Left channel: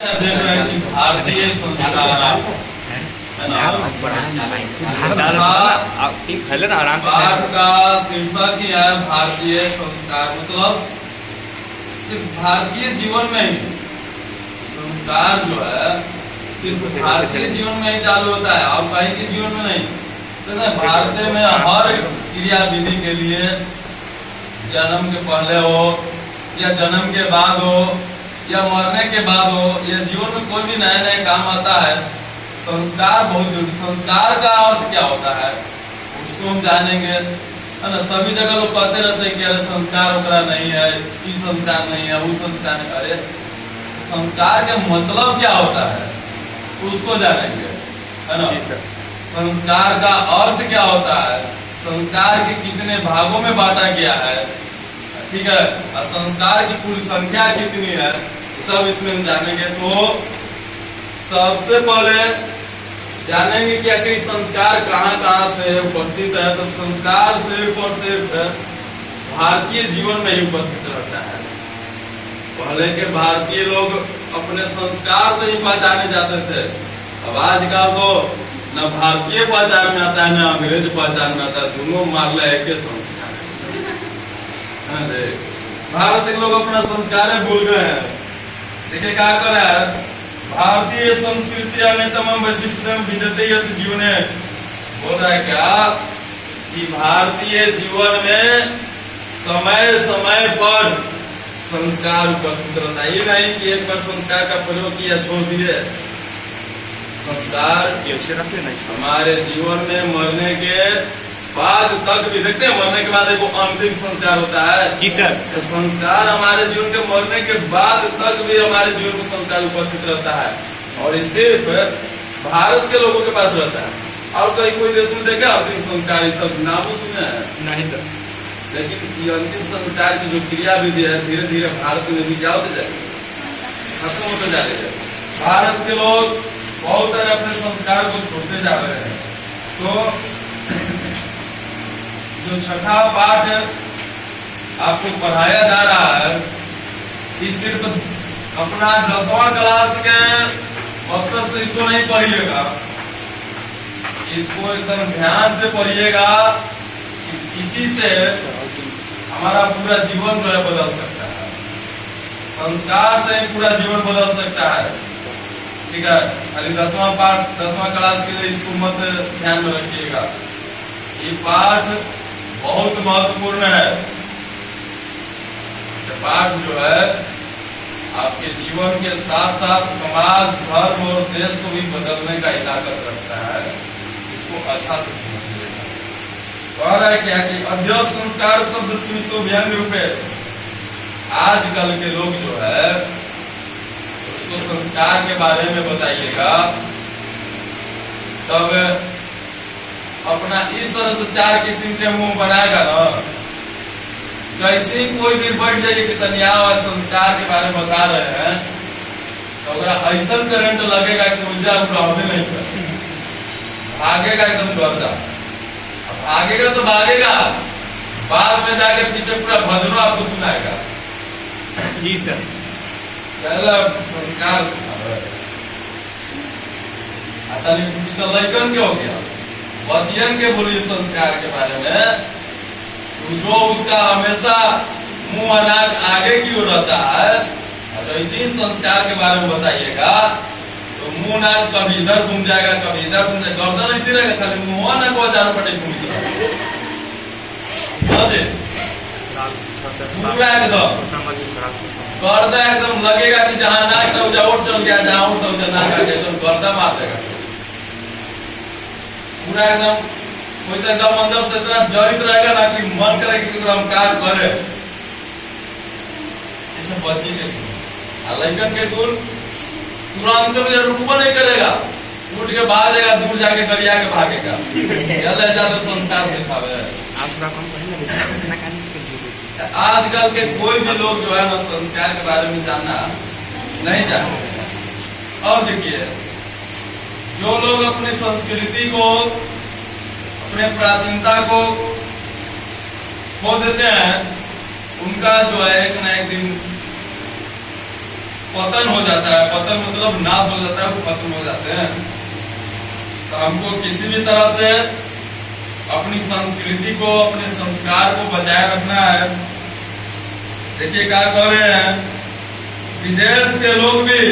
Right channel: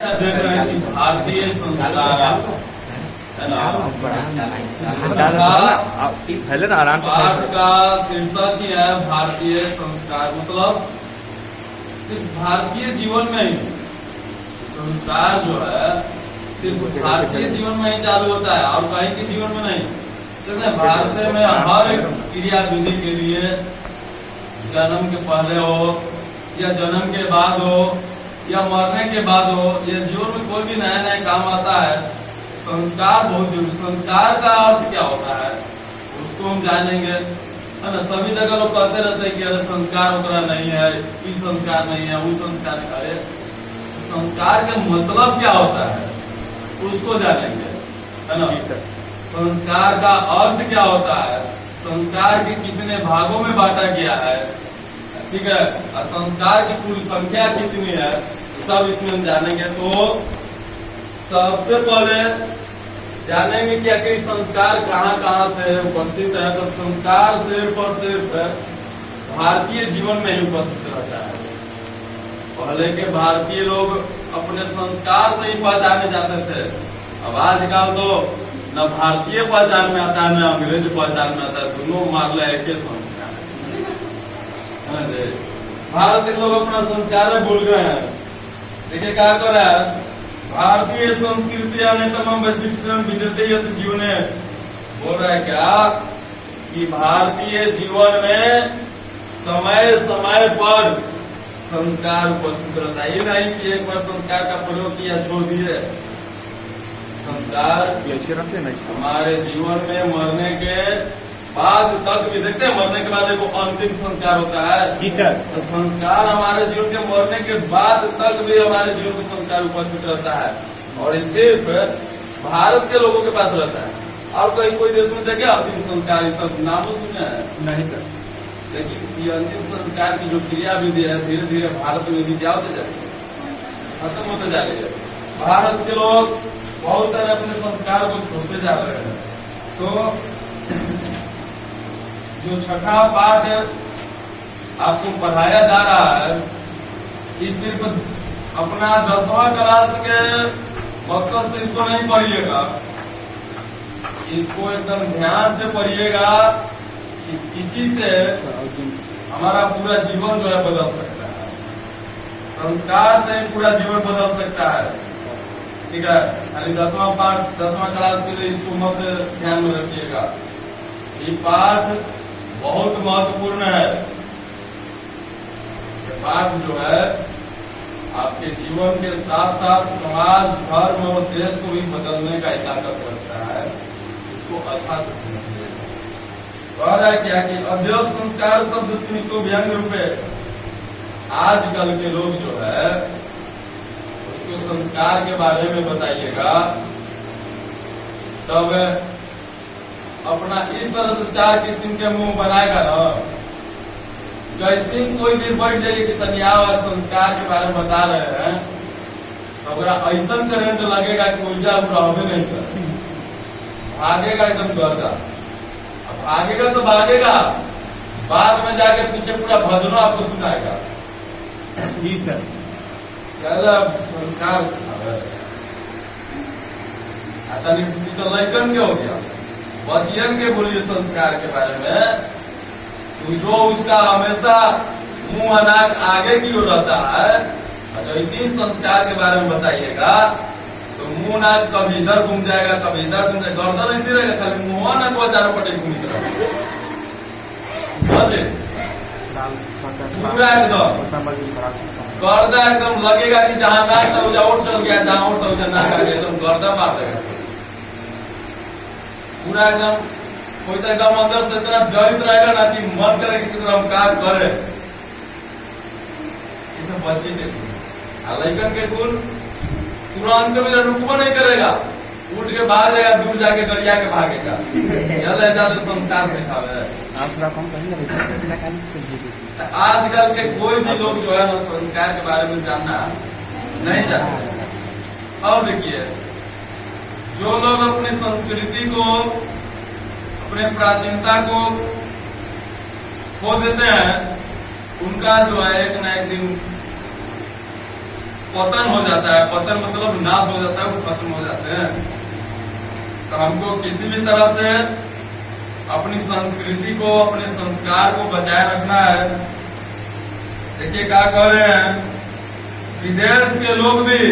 देख रहे हैं कि भारतीय संस्कार पाठ का शीर्षक ही है भारतीय संस्कार। मतलब सिर्फ भारतीय जीवन में ही संस्कार जो है सिर्फ भारतीय जीवन में ही चालू होता है और कहीं के जीवन में नहीं। जैसे भारत में हर क्रिया विधि के लिए जन्म के पहले हो या जन्म के बाद हो या मरने के बाद हो या जीवन में कोई भी नया नया काम आता है, संस्कार बहुत जरूरी। संस्कार का अर्थ क्या होता है उसको हम जानेंगे, है ना। सभी जगह लोग कहते रहते हैं कि अरे संस्कार ओकरा नहीं है, ई संस्कार नहीं है, वो संस्कार नहीं। अरे संस्कार का मतलब क्या होता है उसको जानेंगे, है ना। संस्कार का अर्थ क्या होता है, संस्कार के कितने भागों में बांटा गया है, ठीक है, और संस्कार की पूरी संख्या कितनी है, सब इसमें हम जानेंगे। तो सबसे पहले जानेंगे कि आखिर संस्कार कहाँ कहाँ से उपस्थित है। तो संस्कार सिर्फ और सिर्फ भारतीय जीवन में ही उपस्थित रहता है। पहले के भारतीय लोग अपने संस्कार से ही पहचाने जाते थे। अब आजकल तो न भारतीय पहचान में आता है न अंग्रेज पहचान में आता है, दोनों मारले एक संस्कार। भारत के लोग अपना संस्कार भूल गए हैं। देखिए क्या कर रहा है, भारतीय संस्कृति अन्यतम वैशिष्ट विद्यते जीवन बोल रहा है क्या कि भारतीय जीवन में समय समय पर संस्कार उपस्थित रहता है। ये नहीं कि एक बार संस्कार का प्रयोग किया छोड़ दिए। संस्कार हमारे जीवन में मरने के बाद तक भी देखते हैं, मरने के बाद एक अंतिम संस्कार होता है जी सर। तो संस्कार हमारे जीवन के मरने के बाद तक भी हमारे जीवन में संस्कार उपस्थित रहता है और ये सिर्फ भारत के लोगों के पास रहता है। और कहीं कोई देश में देखे अंतिम संस्कार ये सब नाम सुने हैं नहीं सर। लेकिन ये अंतिम संस्कार की जो क्रिया विधि है धीरे धीरे भारत में भी क्या होते जाएगी, खत्म होते जा रही है। भारत के लोग बहुत सारे अपने संस्कार को छोड़ते जा रहे हैं। तो जो छठा पाठ आपको पढ़ाया जा रहा है ये सिर्फ अपना 10वां क्लास के मकसद से इसको नहीं पढ़िएगा, इसको एकदम ध्यान से पढ़िएगा कि इसी से हमारा पूरा जीवन जो है बदल सकता है। संस्कार से ही पूरा जीवन बदल सकता है, ठीक है। खाली 10वां पाठ 10वां क्लास के लिए इसको मत ध्यान में रखिएगा। ये पाठ बहुत महत्वपूर्ण है। ये पाठ जो है आपके जीवन के साथ साथ समाज, धर्म और देश को भी बदलने का ताकत रखता है। इसको अच्छा से समझिएगा। कह रहा है क्या कि अध्यक्ष संस्कार शब्द स्मित व्यंग्य रूपे आजकल के लोग जो है उसको संस्कार के बारे में बताइएगा, तब अपना इस तरह से 4 किस्म के मुंह बनाएगा ना। कैसे कोई भी बैठ जाइए कि तनिया संस्कार के बारे में बता रहे हैं तो ऐसा करंट लगेगा कि ऊर्जा होने नहीं कर भागेगा एकदम गर्दा। अब भागेगा तो भागेगा, बाद में जाके पीछे पूरा भजनों आपको सुनाएगा जी सर। संस्कार लैकन के हो गया बचियन के बोलिए संस्कार के बारे में। तो जो उसका हमेशा मुंह अनाज आगे की ओर रहता है, तो इसी संस्कार के बारे में बताइएगा। तो मुंह नाक कभी इधर घूम जाएगा कभी इधर घूम जाएगा, गर्दन इसी रहेगा, खाली मुंह ना को चारों पटे घूमित रहेगा पूरा एकदम गर्दा एकदम लगेगा कि जहाँ नाक से और चल गया, जहाँ उठ नाक एकदम गर्दा मार देगा पूरा एकदम। कोई तो एकदम अंदर से इतना जड़ित रहेगा ना कि मन करे कि हम काम करे। इसमें बच्चे के लड़कन के गुण तुरंत भी रुकवा नहीं करेगा, उठ के भागेगा, दूर जाके दरिया के भागेगा। ज्यादा संस्कार सिखावे। आजकल के कोई भी लोग जो है ना संस्कार के बारे में जानना नहीं चाहते। और देखिए जो लोग अपनी संस्कृति को, अपने प्राचीनता को खो देते हैं, उनका जो है एक ना एक दिन पतन हो जाता है। पतन मतलब नाश हो जाता है, वो खत्म हो जाते हैं। तो हमको किसी भी तरह से अपनी संस्कृति को, अपने संस्कार को बचाए रखना है। देखिए क्या कह रहे हैं, विदेश के लोग भी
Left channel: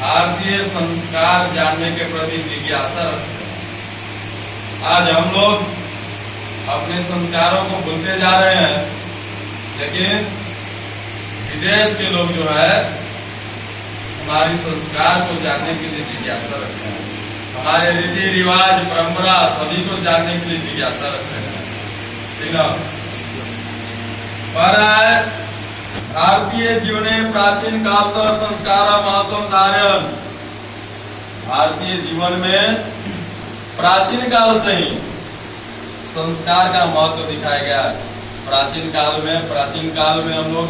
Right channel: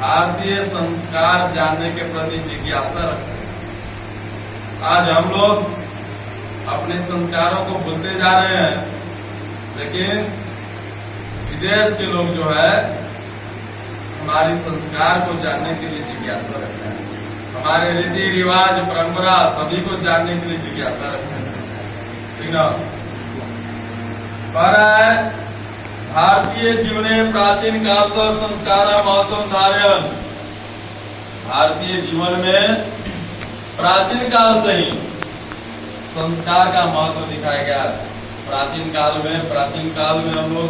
भारतीय संस्कार जानने के प्रति जिज्ञासा रखते हैं। आज हम लोग अपने संस्कारों को भूलते जा रहे हैं, लेकिन विदेश के लोग जो है हमारी संस्कार को जानने के लिए जिज्ञासा रखते हैं। हमारे रीति रिवाज, परंपरा सभी को जानने के लिए जिज्ञासा रखते हैं। ठीक है, भारतीय जीवने प्राचीन काल तक संस्कार महत्व धारण। भारतीय जीवन में प्राचीन काल से ही संस्कार का महत्व दिखाया गया। प्राचीन काल में हम लोग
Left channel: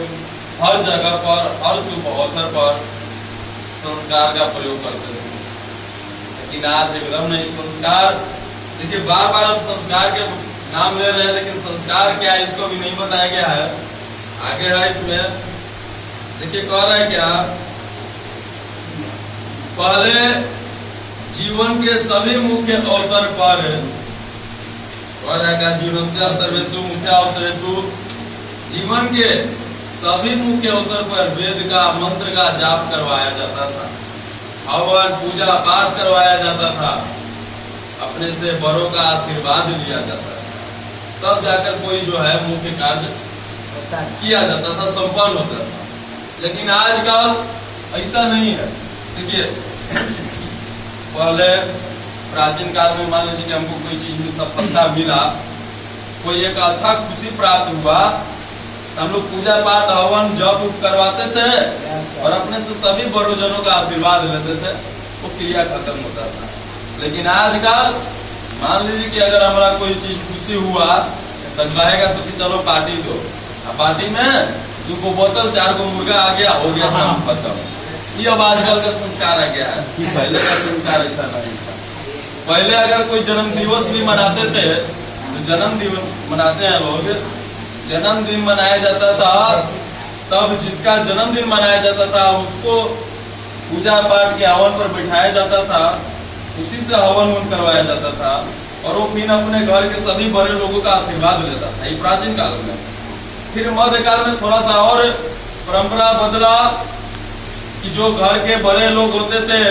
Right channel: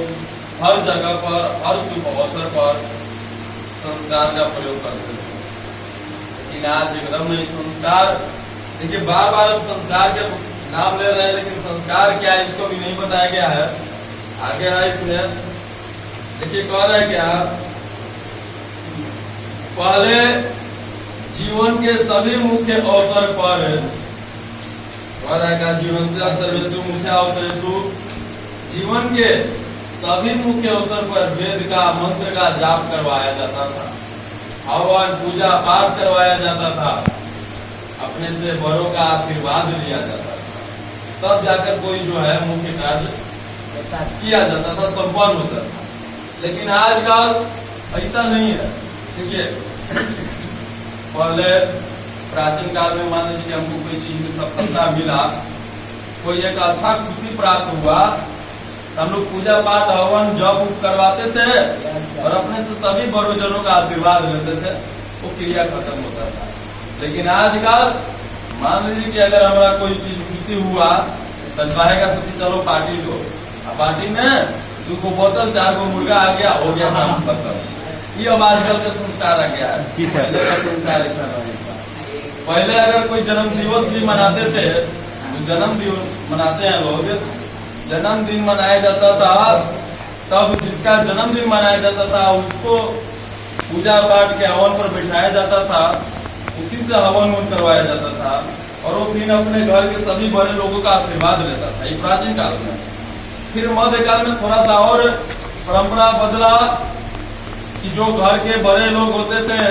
हर जगह पर, हर शुभ अवसर पर संस्कार का प्रयोग करते थे, लेकिन आज एकदम नहीं। संस्कार, देखिए बार बार हम संस्कार के नाम ले रहे हैं, लेकिन संस्कार क्या है इसको भी नहीं बताया गया है। आगे है इसमें, देखिए कह रहे हैं क्या, पहले जीवन के सभी मुख्य अवसर पर जीवनस्य सर्वेषु मुख्य अवसरेषु, जीवन के सभी मुख्य अवसर पर वेद का मंत्र का जाप करवाया जाता था, हवन पूजा पाठ करवाया जाता था, अपने से बड़ों का आशीर्वाद लिया जाता था, तब जाकर कोई जो है मुख्य कार्य किया जाता था, संपन्न होता था। लेकिन आजकल ऐसा नहीं है। देखिए पहले प्राचीन काल में मान लीजिए कि हमको कोई चीज में सफलता मिला, कोई एक अच्छा खुशी प्राप्त हुआ, हम लोग पूजा पाठ हवन जप करवाते थे और अपने से सभी बड़ों जनों का आशीर्वाद लेते थे, वो क्रिया खत्म होता था। लेकिन आजकल मान लीजिए कि अगर हमारा कोई चीज खुशी हुआ तो कहेगा सब कि चलो पार्टी दो, पार्टी में 2 बोतल 4 मुर्गा आ गया, हो गया काम खत्म। ये अब आजकल का संस्कार आ गया है। पहले का संस्कार ऐसा नहीं था। पहले अगर कोई जन्म दिवस भी मनाते थे, तो जन्म दिवस मनाते हैं लोग, जन्मदिन मनाया जाता था, तब जिसका जन्मदिन मनाया जाता था उसको पूजा पाठ के हवन पर बिठाया जाता था, उसी से हवन करवाया जाता था, और वो फिर अपने घर के सभी बड़े लोगों का आशीर्वाद लेता था। ये प्राचीन काल में। फिर मध्यकाल में थोड़ा सा और परंपरा बदला कि जो घर के बड़े लोग होते थे,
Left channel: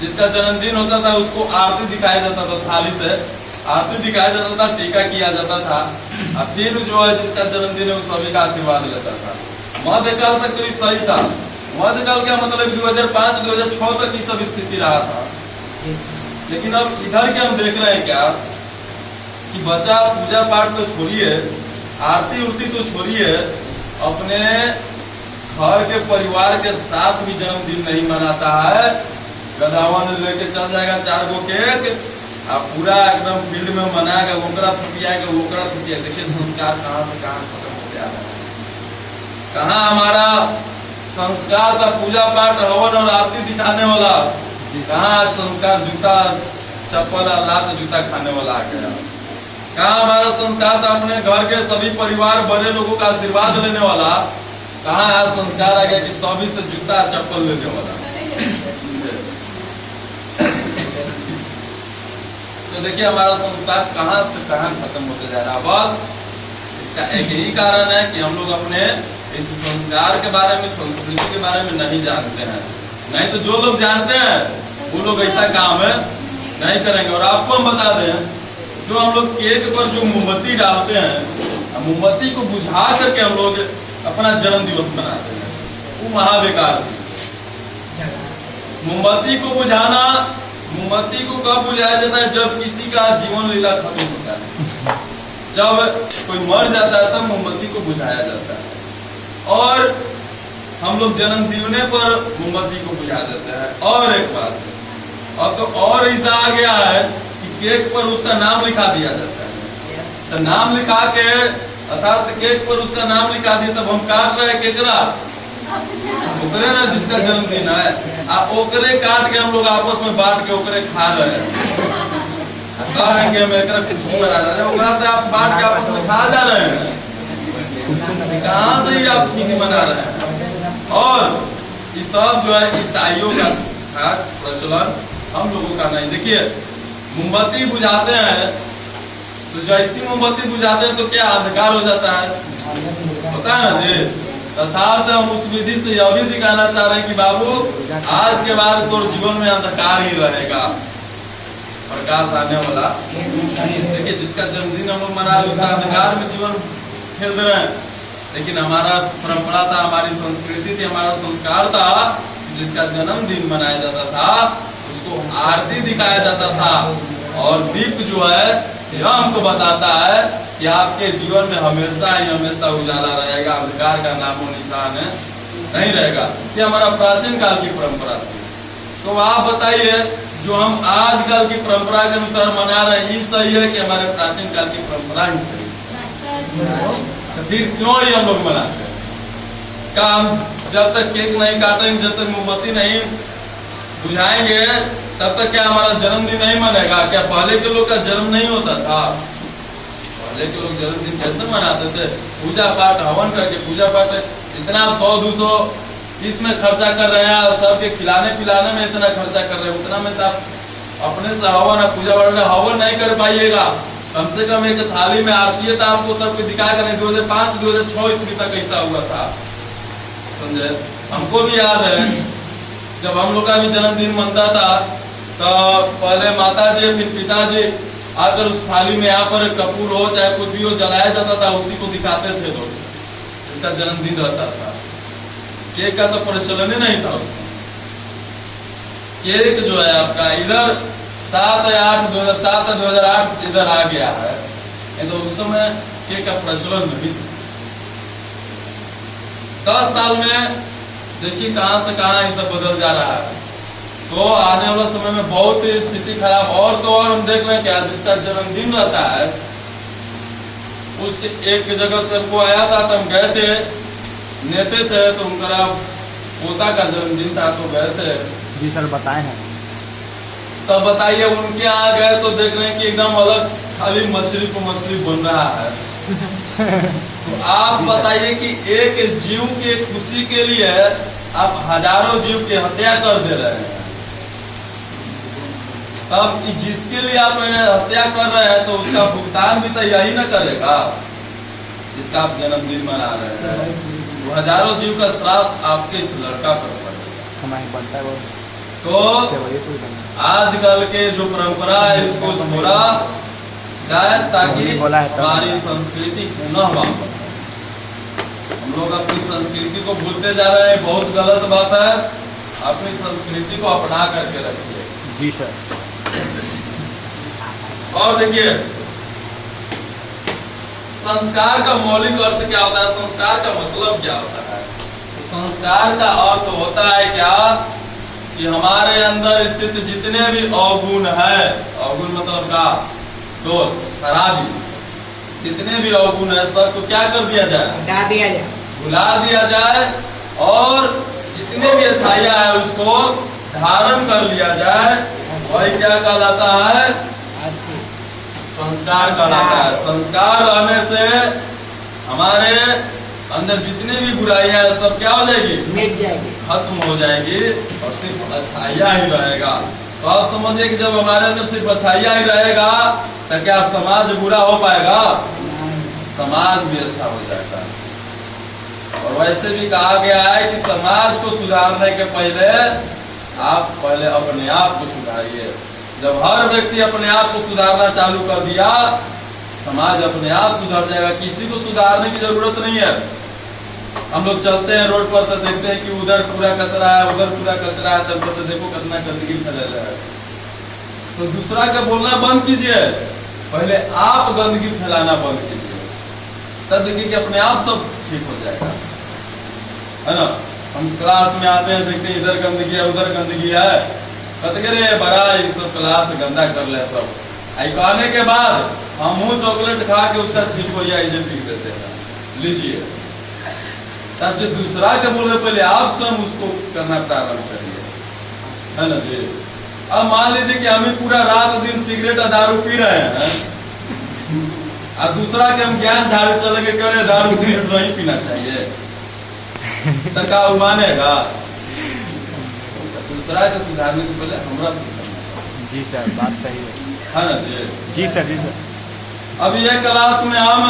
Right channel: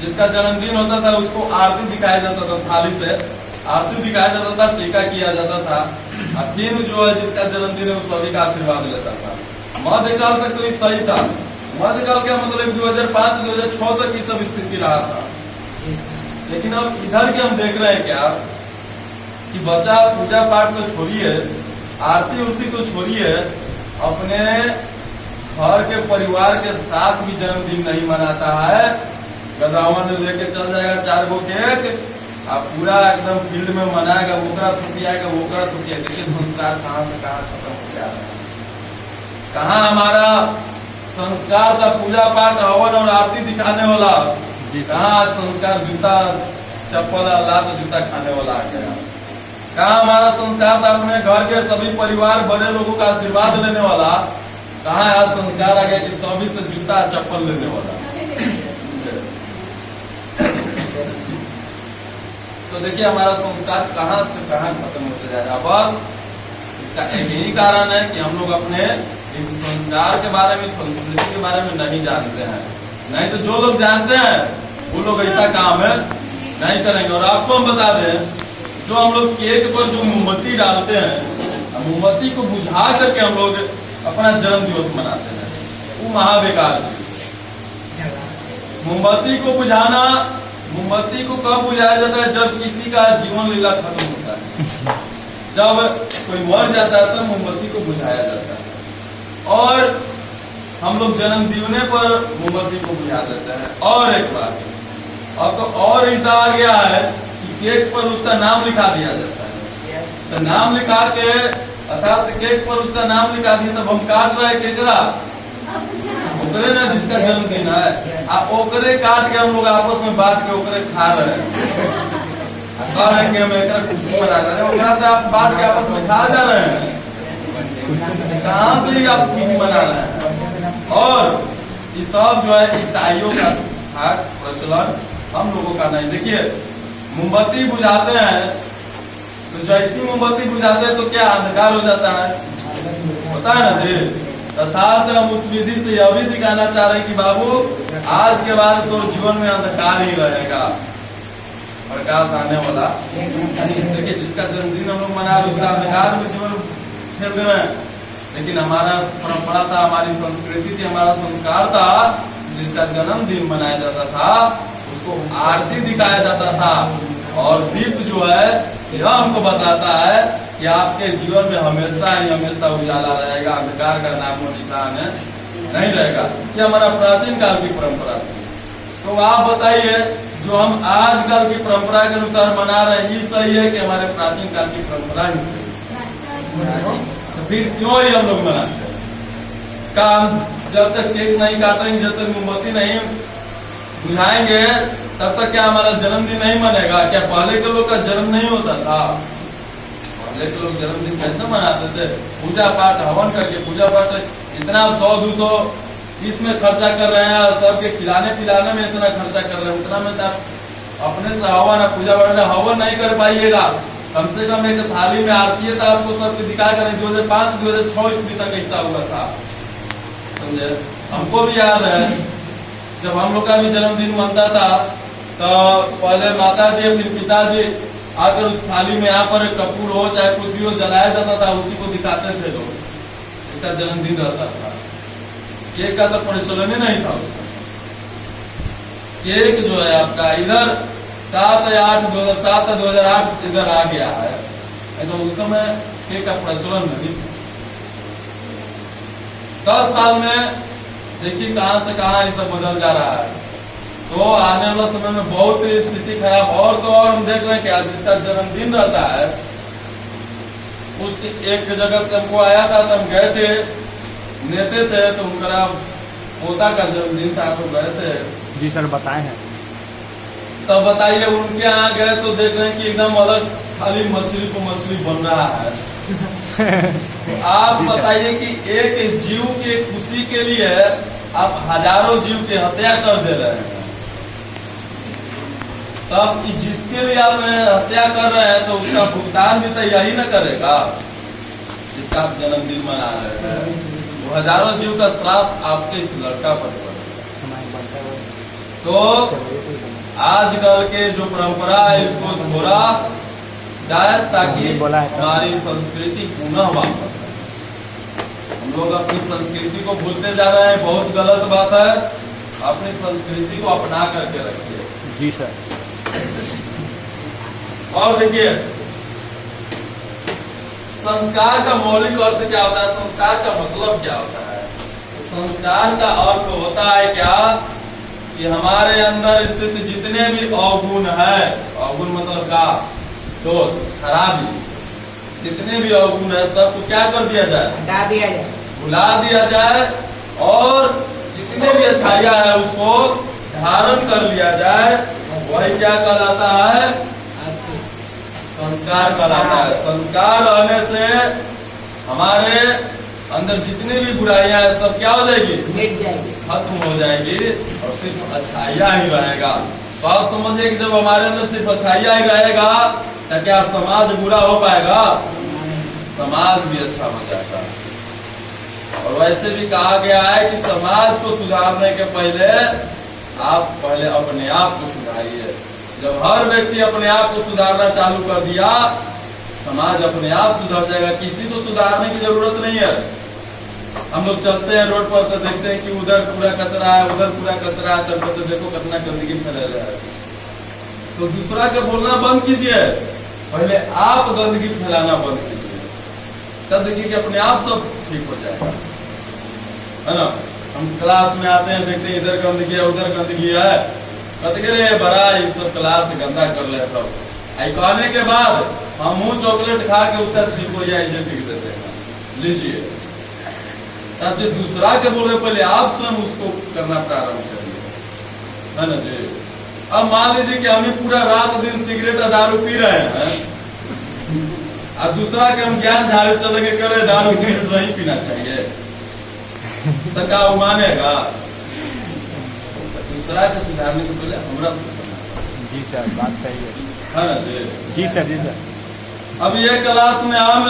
जिसका जन्मदिन होता था, उसको आरती दिखाया जाता था, थाली से आरती दिखाया जाता था, टीका किया जाता था, और फिर जो है जिसका जन्मदिन है वो सभी का आशीर्वाद लेता था। मध्यकाल तक तो ये सही था। मध्यकाल का मतलब 2005-2006 तक ये सब स्थिति रहा था। लेकिन अब इधर के हम देख रहे हैं क्या कि बच्चा पूजा पाठ तो छोड़िए, आरती उरती तो छोड़िए, अपने घर के परिवार के साथ भी जन्मदिन नहीं मनाता है। गदावन लेके चल जाएगा 4 गो केक, अब पूरा एकदम फील्ड में मनाएगा, ओकरा थुटियाएगा, ओकरा थुटियाएगा। देखिए संस्कार कहाँ से कहाँ खत्म हो जा रहा है। कहाँ हमारा संस्कार था पूजा पाठ हवन और आरती दिखाने वाला, कहाँ संस्कार जूता चप्पल लात जूता खाने वाला आ गया। कहाँ हमारा संस्कार था अपने घर के सभी परिवार बड़े लोगों का आशीर्वाद लेने वाला, कहाँ आज संस्कार आ गया कि सभी से जूता चप्पल लेने वाला। तो देखिए हमारा संस्कार कहाँ से कहाँ खत्म होते जा रहा है। बस इसका एक ही कारण है कि हम लोग अपने इस संस्कार के बारे में, संस्कृति के बारे में नहीं जानते हैं। नहीं तो जो लोग जानते हैं वो लोग ऐसा काम है नहीं करेंगे। और आपको हम बता दें, जो हम लोग केक पर जो मोमबत्ती डालते हैं, मोमबत्ती को बुझा करके हम लोग अपना जन्म दिवस मनाते हैं, वो महाबेकार चीज। मोमबत्ती को बुझाना, मोमबत्ती को कब बुझाया जाता है? जब किसी का जीवन लीला खत्म होता है, जब कोई मर जाता है तब मोमबत्ती को बुझाया जाता है। और हम लोग जन्मदिन पर मोमबत्ती को बुझा देते हैं। और एक बात, अब तो और ऐसा आ गया है कि केक पर उसका नाम लिखा दिया जाता है। तो नाम लिखा के, अर्थात केक पर उसका नाम लिखा दिया, तब हम काट रहे हैं केकरा, ओकरे ना जिसका जन्मदिन है, ओकरे काट के हम लोग आपस में बांट के ओकरे खा रहे हैं। कह रहे हैं कि हम एक खुशी मना रहे हैं, ओकरा तो आप बांट के आपस में खा जा रहे हैं। कहाँ से ही आप खुशी मना रहे हैं? और ये सब जो है ईसाइयों का था प्रचलन, हम लोगों का नहीं। देखिए मोमबत्ती बुझाते हैं तो जैसी मोमबत्ती बुझाते हैं तो क्या अंधकार हो जाता है, पता है ना जी। तथार्थ हम उस विधि से यह भी दिखाना चाह रहे हैं कि बाबू आज के बाद तो जीवन में अंधकार ही रहेगा, प्रकाश आने वाला नहीं। देखिए जिसका जन्मदिन हम लोग मना रहे उसका अंधकार में जीवन फेर रहे हैं, लेकिन हमारा परंपरा था, हमारी संस्कृति थी, हमारा संस्कार था, जिसका जन्मदिन मनाया जाता था उसको आरती दिखाया जाता था। और दीप जो है यह हमको बताता है कि आपके जीवन में हमेशा ही हमेशा उजाला रहेगा, अंधकार का नामो निशान नहीं रहेगा। ये हमारा प्राचीन काल की परंपरा थी। तो आप बताइए जो हम आजकल की परंपरा के अनुसार मना रहे हैं ये सही है कि हमारे प्राचीन काल की परंपरा ही सही है? तो फिर क्यों ही हम लोग मनाते हैं? काम जब तक केक नहीं काटेंगे, जब तक मोमबत्ती नहीं बुझाएंगे तब तक क्या हमारा जन्मदिन नहीं मनेगा? क्या पहले के लोग का जन्म नहीं होता था? पहले के लोग जन्मदिन कैसे मनाते थे? पूजा पाठ हवन करके, पूजा पाठ इतना 100-200 इसमें खर्चा कर रहे हैं और सबके खिलाने पिलाने में इतना खर्चा कर रहे हैं, उतना में तो आप अपने से हवन पूजा पाठ में हवन नहीं कर पाइएगा। कम से कम एक थाली में आरती है तो आपको सबको दिखाएगा नहीं। 2005-2006 ईस्वी तक ऐसा हुआ था, समझे। हमको भी याद है जब हम लोग का भी जन्मदिन मनता था तो पहले माता जी फिर पिताजी आकर उस थाली में यहाँ पर कपूर हो चाहे कुछ भी हो जलाया जाता था, उसी को दिखाते थे लोग, इसका जन्मदिन रहता था। केक का तो प्रचलन ही नहीं था उस समय। केक जो है आपका इधर 2007-2008 इधर आ गया है, तो उस समय केक का प्रचलन नहीं था। 10 साल में देखिए कहां से कहां ये सब बदल जा रहा है। तो आने वाले समय में बहुत ही स्थिति खराब। और तो और हम देख रहे हैं क्या जिसका जन्मदिन रहता है उसके एक जगह से हमको आया था तो हम गए थे, नेते थे तो उनका पोता का जन्मदिन था तो गए थे। जी सर बताए हैं। तब बताइए उनके यहाँ गए तो देख रहे हैं कि एकदम अलग खाली मछली को मछली बन रहा है। तो आप बताइए कि एक जीव की खुशी के लिए आप हजारों जीव की हत्या कर दे रहे हैं। तब जिसके लिए आप हत्या कर रहे हैं तो उसका भुगतान भी तो यही ना करेगा जिसका आप जन्मदिन मना रहे हैं। तो हजारों जीव का श्राप आपके इस लड़का पर पड़ेगा। तो आजकल के जो परंपरा है इसको छोड़ा जाए ताकि हमारी संस्कृति पुनः वापस आए। हम लोग अपनी संस्कृति को भूलते जा रहे हैं, बहुत गलत बात है। अपनी संस्कृति को अपना करके रखिए। जी सर। और देखिए संस्कार का मौलिक अर्थ क्या होता है, संस्कार का मतलब क्या होता है? संस्कार का अर्थ होता है क्या कि हमारे अंदर स्थित जितने भी अवगुण है, अवगुण मतलब का दोष खराबी, जितने भी अवगुण है सबको क्या कर दिया जाए? भुला दिया जाए। और जितने भी अच्छाइयां है उसको धारण कर लिया जाए। वही क्या कहलाता है? संस्कार कहलाता है। संस्कार रहने से हमारे अंदर जितनी भी बुराइयां है सब क्या हो जाएगी? मिट जाएगी, खत्म हो जाएगी और सिर्फ अच्छाइयां ही रहेगा। तो आप समझिए कि जब हमारे अंदर सिर्फ अच्छाइयां ही रहेगा तो क्या समाज बुरा हो पाएगा? समाज भी अच्छा हो जाएगा। और वैसे भी कहा गया है कि समाज को सुधारने के पहले आप पहले अपने आप को सुधारिए। जब हर व्यक्ति अपने आप को सुधारना चालू कर दिया समाज अपने आप सुधर जाएगा। किसी को सुधारने की जरूरत नहीं है। हम लोग चलते हैं रोड पर तो देखते हैं कि उधर पूरा कचरा है, उधर पूरा कचरा है, तब तो देखो कितना गंदगी फैल रहा है। तो दूसरा का बोलना बंद कीजिए, पहले आप गंदगी फैलाना बंद कीजिए, तब देखिए कि अपने आप सब ठीक हो जाएगा, है ना। हम क्लास में आते हैं देखते हैं इधर गंदगी है उधर गंदगी है, कतरे बड़ा ये सब क्लास गंदा कर ले सब। आई कहने के बाद हम मुंह चॉकलेट खा के उसका छिलको या इजे पीट देते हैं, लीजिए। तब जो दूसरा के बोले पहले आप स्वयं उसको करना प्रारंभ करिए, है ना जी। अब मान लीजिए कि हम ही पूरा रात दिन सिगरेट और दारू पी रहे हैं और दूसरा के हम ज्ञान झाड़ू चलेंगे करे दारू सिगरेट नहीं पीना चाहिए, तो का वो मानेगा? दूसरा के सुधारने को पहले हमरा जी सर, बात सही है ना जी सर। जी सर, अब ये क्लास में हम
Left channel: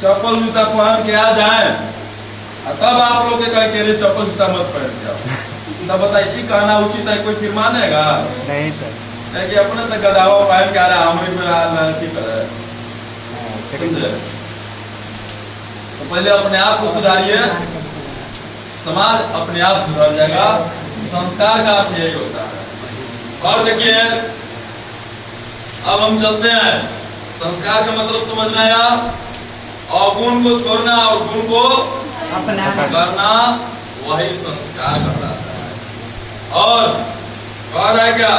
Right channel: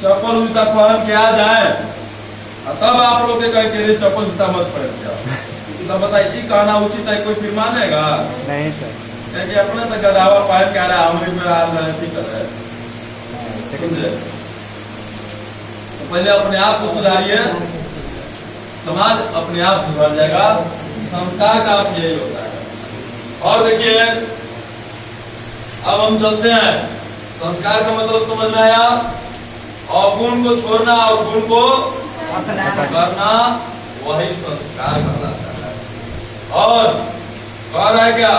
चप्पल जूता पहन के आ जाए, तब आप लोग के कहीं के लिए चप्पल जूता मत पहन के, तब बताइए की कहना उचित है? कोई फिर मानेगा नहीं सर। कि अपने तो गदावा पहन के आ रहा हमारे में की तरह। तो पहले अपने आप को सुधारिए, समाज अपने आप सुधर जाएगा। संस्कार का अर्थ यही होता है। और देखिए अब हम चलते हैं, संस्कार का मतलब समझ में आया? अवगुण को छोड़ना और गुण को करना, वही संस्कार कहलाता है। और कह रहा है क्या?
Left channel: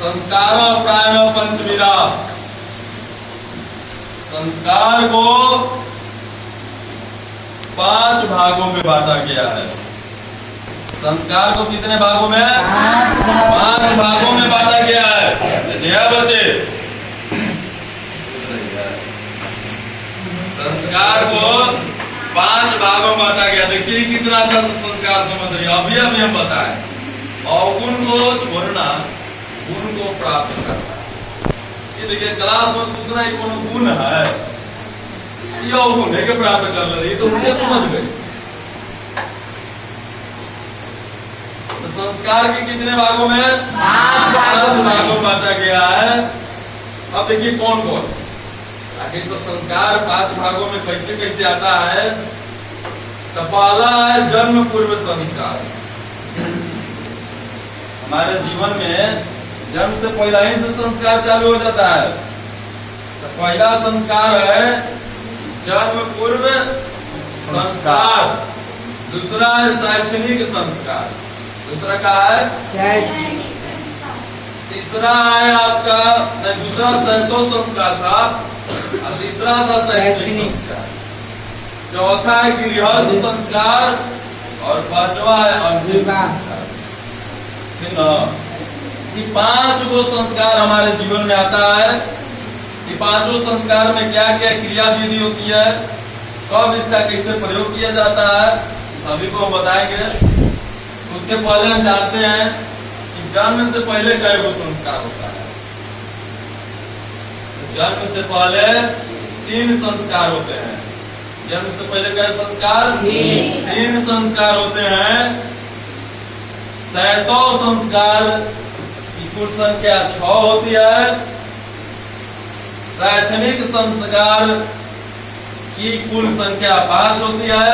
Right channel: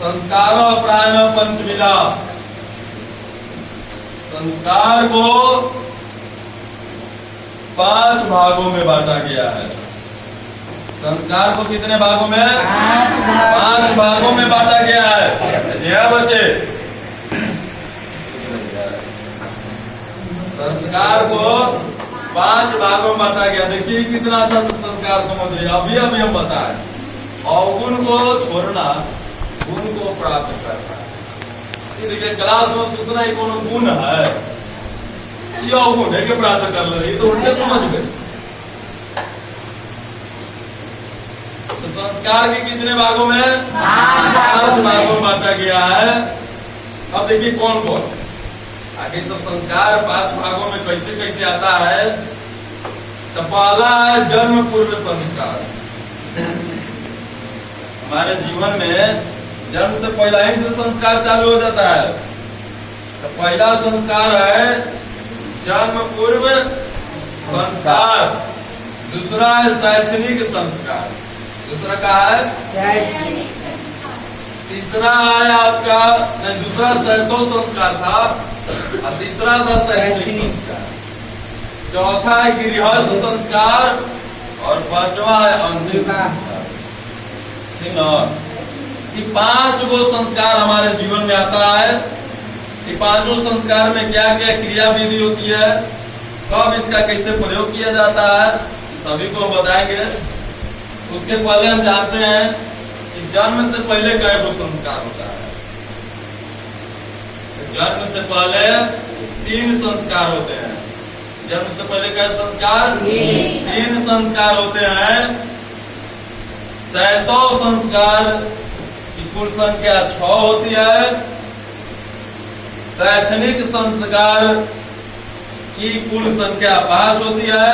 संस्कार प्राण पंचविधा, संस्कार को 5 भागों में बांटा गया है। संस्कार को कितने भागों में? 5 भागों में बांटा गया है। जी हाँ बच्चे, संस्कार को 5 भागों में बांटा गया। देखिए कितना अच्छा संस्कार समझ रही है। अभी हम बताएं, अवगुण को छोड़ना, गुण को प्राप्त करना। ये देखिए क्लास में सुतना ही कोनो गुण है, ये अवगुण है कि प्राप्त कर ले, तो उनके समझ गए। तो संस्कार के कितने भागों में? 5 भागों में बांटा गया है। अब देखिए कौन कौन आगे सब संस्कार 5 भागों में कैसे कैसे आता है। तो पहला है जन्म पूर्व संस्कार। हमारे जीवन में जन्म से पहला ही से संस्कार चालू हो जाता है। तो पहला संस्कार है जन्म पूर्व संस्कार। दूसरा है शैक्षणिक संस्कार। दूसरा का है? तीसरा है आपका, नहीं दूसरा शैशव संस्कार था और तीसरा था शैक्षणिक संस्कार। चौथा है गृहस्थ संस्कार और 5वां है अंतिम संस्कार। ठीक ना? ये 5 गो संस्कार हमारे जीवन में आता है। ये 5 संस्कार में क्या क्या क्रिया विधि होती है, कब इसका कैसे प्रयोग किया जाता है, सभी को हम बताएंगे। उसके पहले हम जानते हैं कि जन्म से पहले कै गो संस्कार होता है। जन्म से पहले 3 संस्कार होते हैं। जन्म से पहले कै संस्कार? 3 संस्कार होते हैं। शैशव संस्कार की कुल संख्या 6 होती है। शैक्षणिक संस्कार की कुल संख्या 5 होती है।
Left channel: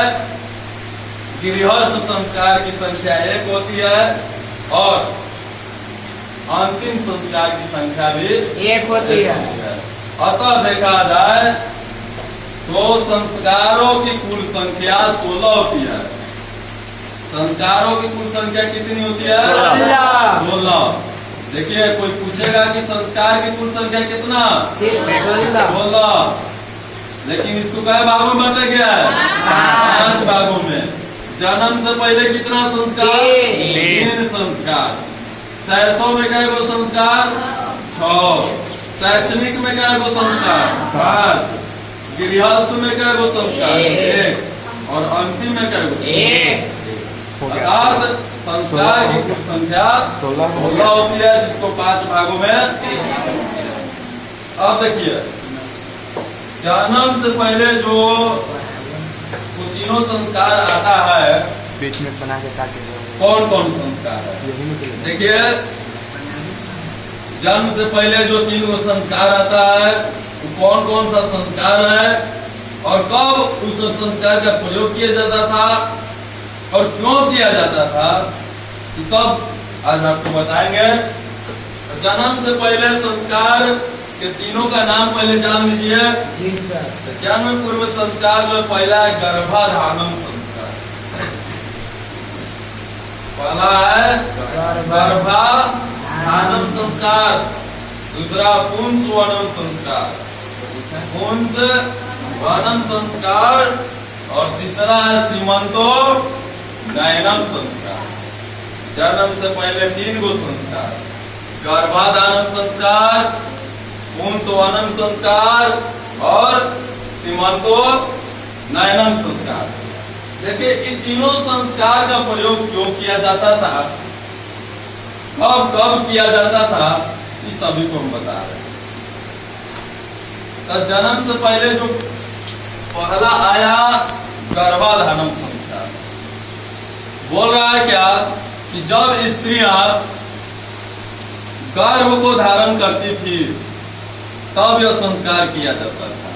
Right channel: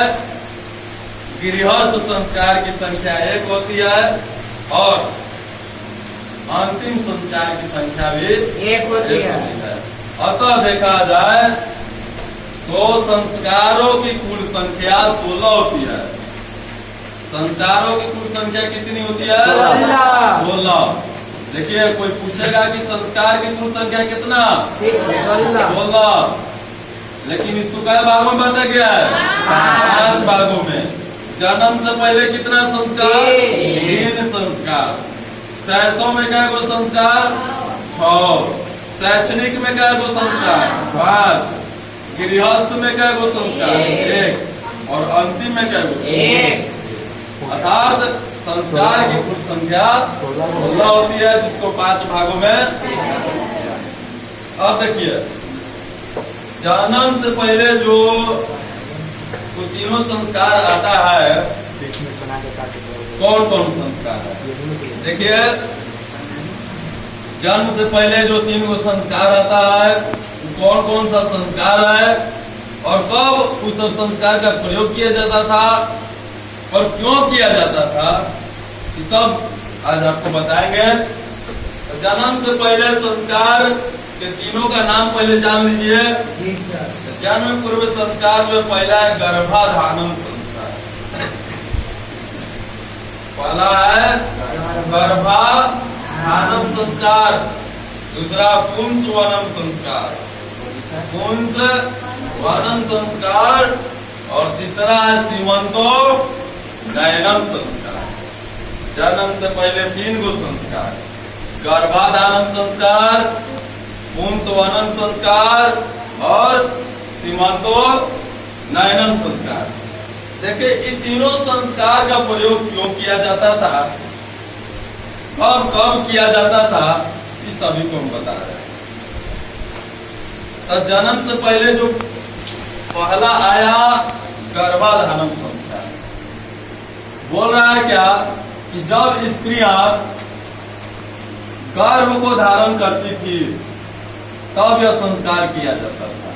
गृहस्थ संस्कार की संख्या 1 होती है और अंतिम संस्कार की संख्या भी 1 होती है। अतः देखा जाए तो संस्कारों की कुल संख्या 16 होती है। संस्कारों की कुल संख्या कितनी होती है? 16। देखिए कोई पूछेगा कि संस्कार की कुल संख्या कितना? 16। लेकिन इसको कई भागों में बांटा गया है? 5 भागों में। जन्म से पहले कितना संस्कार? 3 संस्कार। शैशव में कै गो संस्कार? 6। शैक्षणिक में कै गो संस्कार? 5। गृहस्थ में कै गो संस्कार? 1। और अंतिम में कै गो? 1। अर्थात संस्कार की कुल संख्या 16 होती है, जिसको 5 भागों में। अब देखिए जन्म से पहले जो तो तीनों संस्कार आता है, बीच में बना के काटे। कौन कौन संस्कार है? देखिए जन्म से पहले जो 3 गो संस्कार आता है, वो कौन कौन सा संस्कार है और कब उस संस्कार का प्रयोग किया जाता था और क्यों किया जाता था, ये सब आज आपको बताएंगे। जन्म से पहले संस्कार के तीनों का नाम पहले जान लीजिए। जी सर। जन्म पूर्व संस्कार में पहला है गर्भाधानम संस्कार। पहला है गर्भाधानम संस्कार। दूसरा पुंसवनम संस्कार, पुंसवनम संस्कार और तीसरा है सीमंतो नयनम संस्कार। जन्म से पहले 3 गो संस्कार, गर्भाधानम संस्कार, पुंसवनम संस्कार और सीमंतो नयनम संस्कार। देखिए इन तीनों संस्कार का प्रयोग क्यों किया जाता था, कब कब किया जाता था, इस सभी को हम बता रहे हैं। तो जन्म से पहले जो पहला आया गर्भाधान संस्कार, बोल रहा है क्या कि जब स्त्रियां गर्भ को धारण करती थी तब यह संस्कार किया जाता था।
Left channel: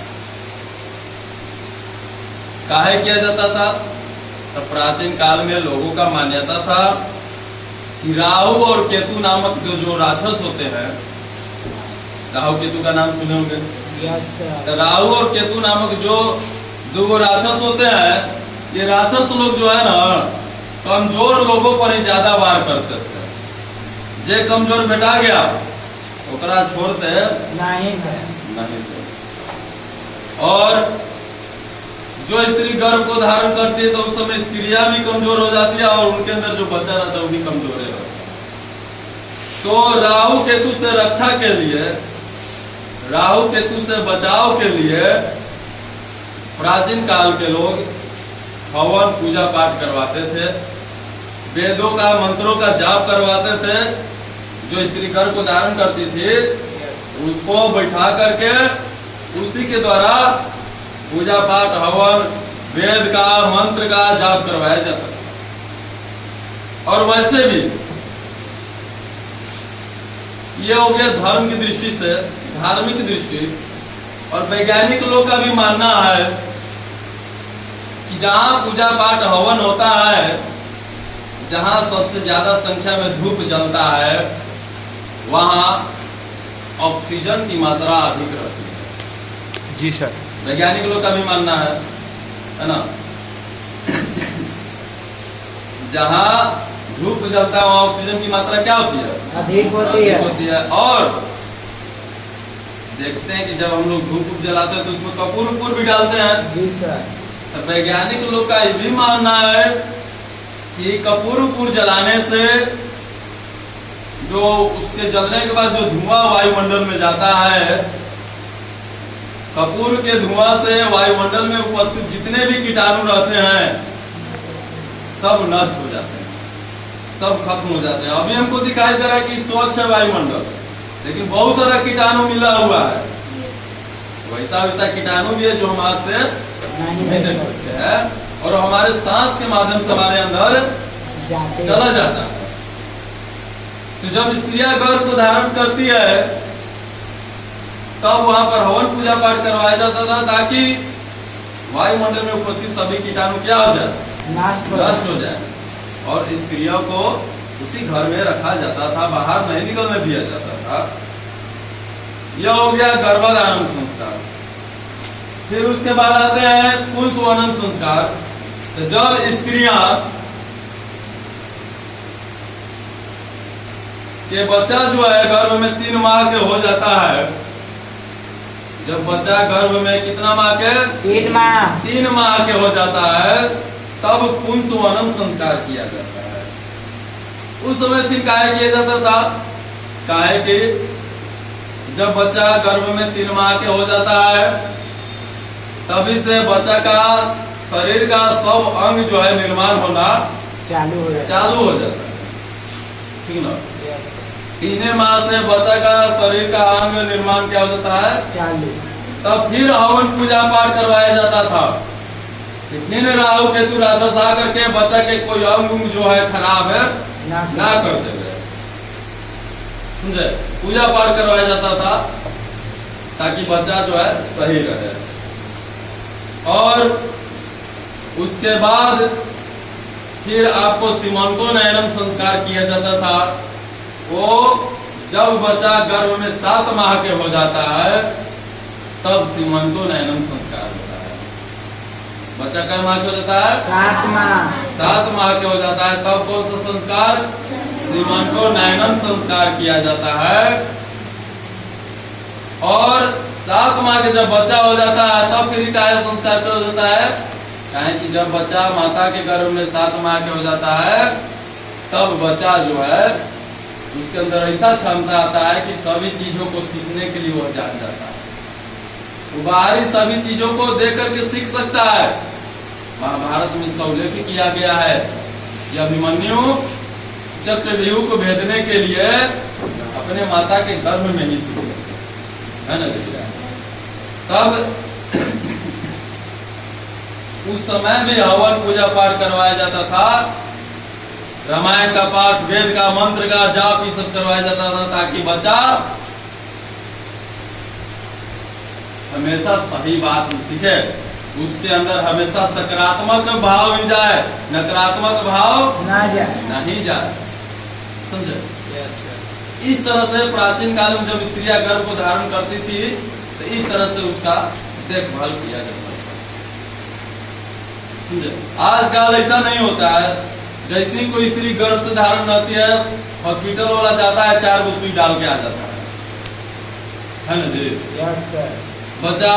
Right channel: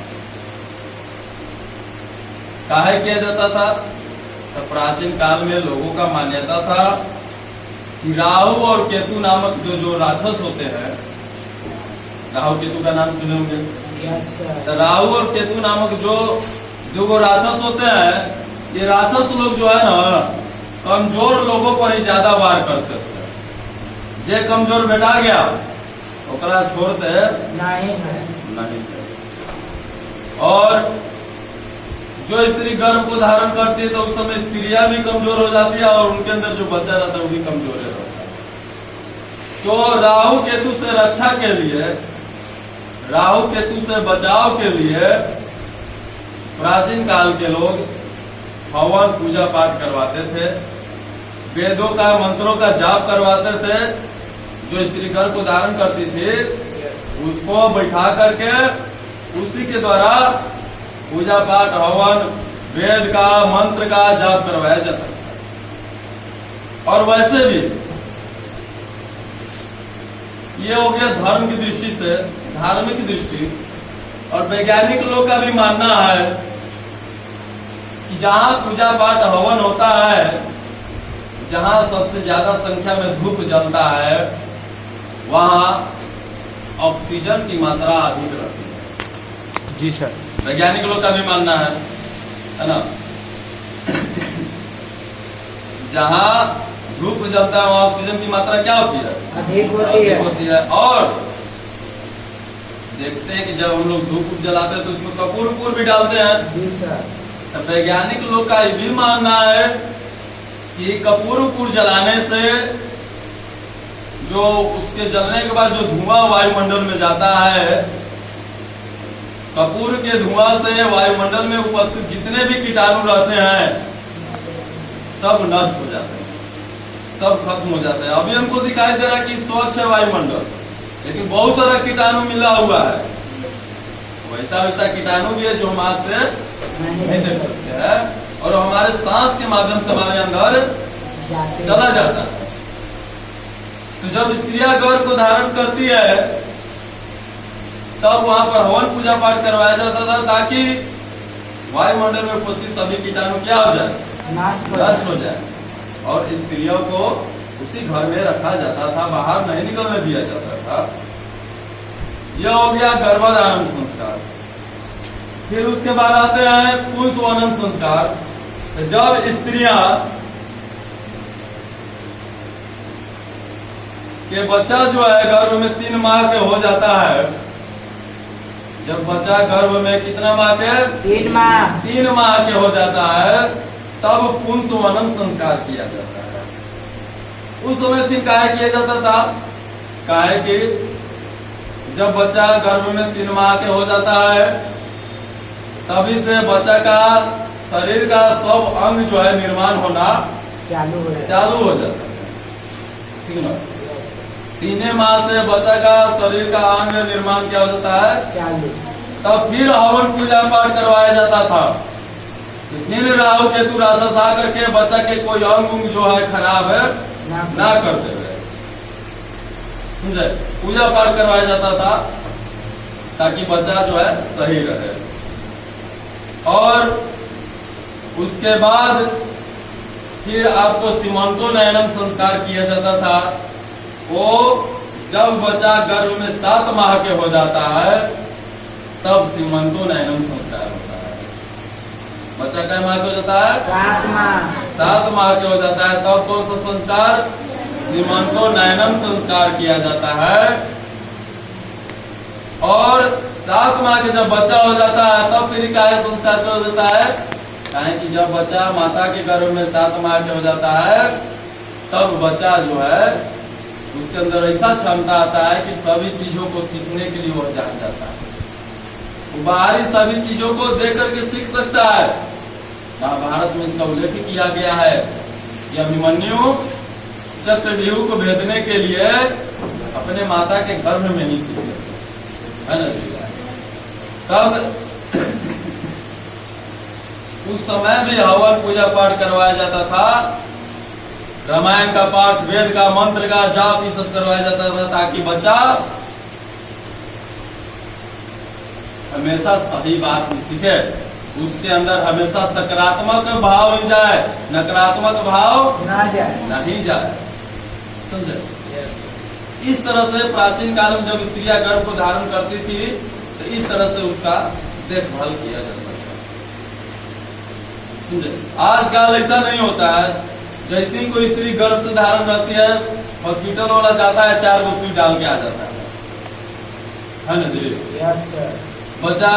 काहे किया जाता था? तो प्राचीन काल में लोगों का मान्यता था कि राहु और केतु नामक जो राक्षस होते हैं, राहु केतु का नाम सुने होंगे। तो राहु और केतु नामक जो दो राक्षस होते हैं, ये राक्षस लोग जो है ना कमजोर लोगों पर ही ज्यादा वार करते थे। जे कमजोर बेटा गया ओकरा छोड़ते नहीं। और जो स्त्री गर्भ को धारण करती है तो उस समय स्त्रियां भी कमजोर हो जाती है और उनके अंदर जो बच्चा रहता है वो भी कमजोर रहता है। तो राहु केतु से रक्षा के लिए, राहु केतु से बचाव के लिए प्राचीन काल के लोग हवन पूजा पाठ करवाते थे, वेदों का मंत्रों का जाप करवाते थे। जो स्त्री गर्भ को धारण करती थी उसको बैठा करके उसी के द्वारा पूजा पाठ हवन वेद का मंत्र का जाप करवाया जाता था। और वैसे भी ये हो गया धर्म की दृष्टि से, धार्मिक दृष्टि। और वैज्ञानिक लोग का भी मानना है कि जहां पूजा पाठ हवन होता है, जहां सबसे ज्यादा संख्या में धूप जलता है, वहां ऑक्सीजन की मात्रा अधिक रहती है। जी सर। वैज्ञानिक लोग का भी मानना है ना। जहां धूप जलता है वहां ऑक्सीजन की मात्रा क्या होती है? अधिक होती है। और देखते हैं कि जब हम लोग धूप जलाते हैं तो उसमें कपूर भी डालते हैं। जी सर। तो वैज्ञानिक लोग का ये भी मानना है कि कपूर जलाने से जो उसके जलने के बाद जो धुआं वायुमंडल में जाता है, कपूर के धुआं से वायुमंडल में उपस्थित जितने भी कीटाणु रहते हैं सब नष्ट हो जाते हैं, सब खत्म हो जाते हैं। अभी हमको दिखाई दे रहा है कि स्वच्छ है वायुमंडल, लेकिन बहुत सारा कीटाणु मिला हुआ है। वैसा वैसा कीटाणु भी है जो हम आग से नहीं देख सकते हैं और हमारे सांस के माध्यम से हमारे अंदर चला जाता है। तो जब स्त्रियां गर्भ को धारण करती है तब वहां पर हवन पूजा पाठ करवाया जाता था ताकि वायुमंडल में उपस्थित सभी कीटाणु क्या हो जाए? नष्ट हो जाए। और स्त्रियों को उसी घर में रखा जाता था, बाहर नहीं निकलने दिया जाता था। यह हो गया गर्भाधान संस्कार। फिर उसके बाद आते हैं पुंसवनन संस्कार। तो जब स्त्रियां के बच्चा जो है गर्भ में 3 माह के हो जाता है, जब बच्चा गर्भ में कितना माह के? 3 माह के हो जाता है, तब पुंसवनन संस्कार किया जाता है। उस समय फिर काहे किया जाता था? काहे कि जब बच्चा गर्भ में 3 माह के हो जाता है तभी से बच्चा का शरीर का सब अंग जो है निर्माण होना चालू हो जाता है। ठीक ना? 3 माह से बच्चा का शरीर का अंग निर्माण क्या हो जाता है? चालू। तब फिर हवन पूजा पाठ करवाया जाता था। फिर राहु केतु राक्षस आकर के बच्चा के कोई अंग जो है खराब है ना करते हुए, समझे? पूजा पाठ करवाया जाता था ताकि बच्चा जो है सही रहे। और उसके बाद फिर आपको सीमंतोनयनम संस्कार किया जाता था। वो जब बच्चा गर्भ में 7 माह के हो जाता है तब सीमंतोनयनम संस्कार होता है। बच्चा कई माह के हो जाता है? 7 माह। 7 माह के हो जाता है तब कौन सा संस्कार? सीमंतोनयनम संस्कार किया जाता है। और 7 माह के जब बच्चा हो जाता है तब फिर क्या संस्कार किया जाता है? कहें कि जब बच्चा माता के गर्भ में 7 माह के हो जाता है तब बच्चा जो है उसके अंदर ऐसा क्षमता आता है कि सभी चीजों को सीखने के लिए वह जान जाता है। वो बाहरी सभी चीजों को देख करके सीख सकता है, महाभारत में इसका उल्लेख किया गया है कि अभिमन्यु चक्रव्यूह को भेदने के लिए अपने माता के गर्भ में ही सीख गए, है ना विषय। तब उस समय भी हवन पूजा पाठ करवाया जाता था, रामायण का पाठ, वेद का, मंत्र का जाप, ये सब करवाया जाता था ताकि बच्चा हमेशा सही बात ही सीखे, उसके अंदर हमेशा सकारात्मक भाव ही जाए, नकारात्मक भाव नहीं जाए, समझे। इस तरह से प्राचीन काल में जब स्त्रियां गर्भ को धारण करती थी तो इस तरह से उसका देखभाल किया जाता था, समझे। आजकल ऐसा नहीं होता है, जैसे कोई स्त्री गर्भ से धारण रहती है, हॉस्पिटल वाला जाता है 4 गो सुई डाल के आ जाता है ना जी। बच्चा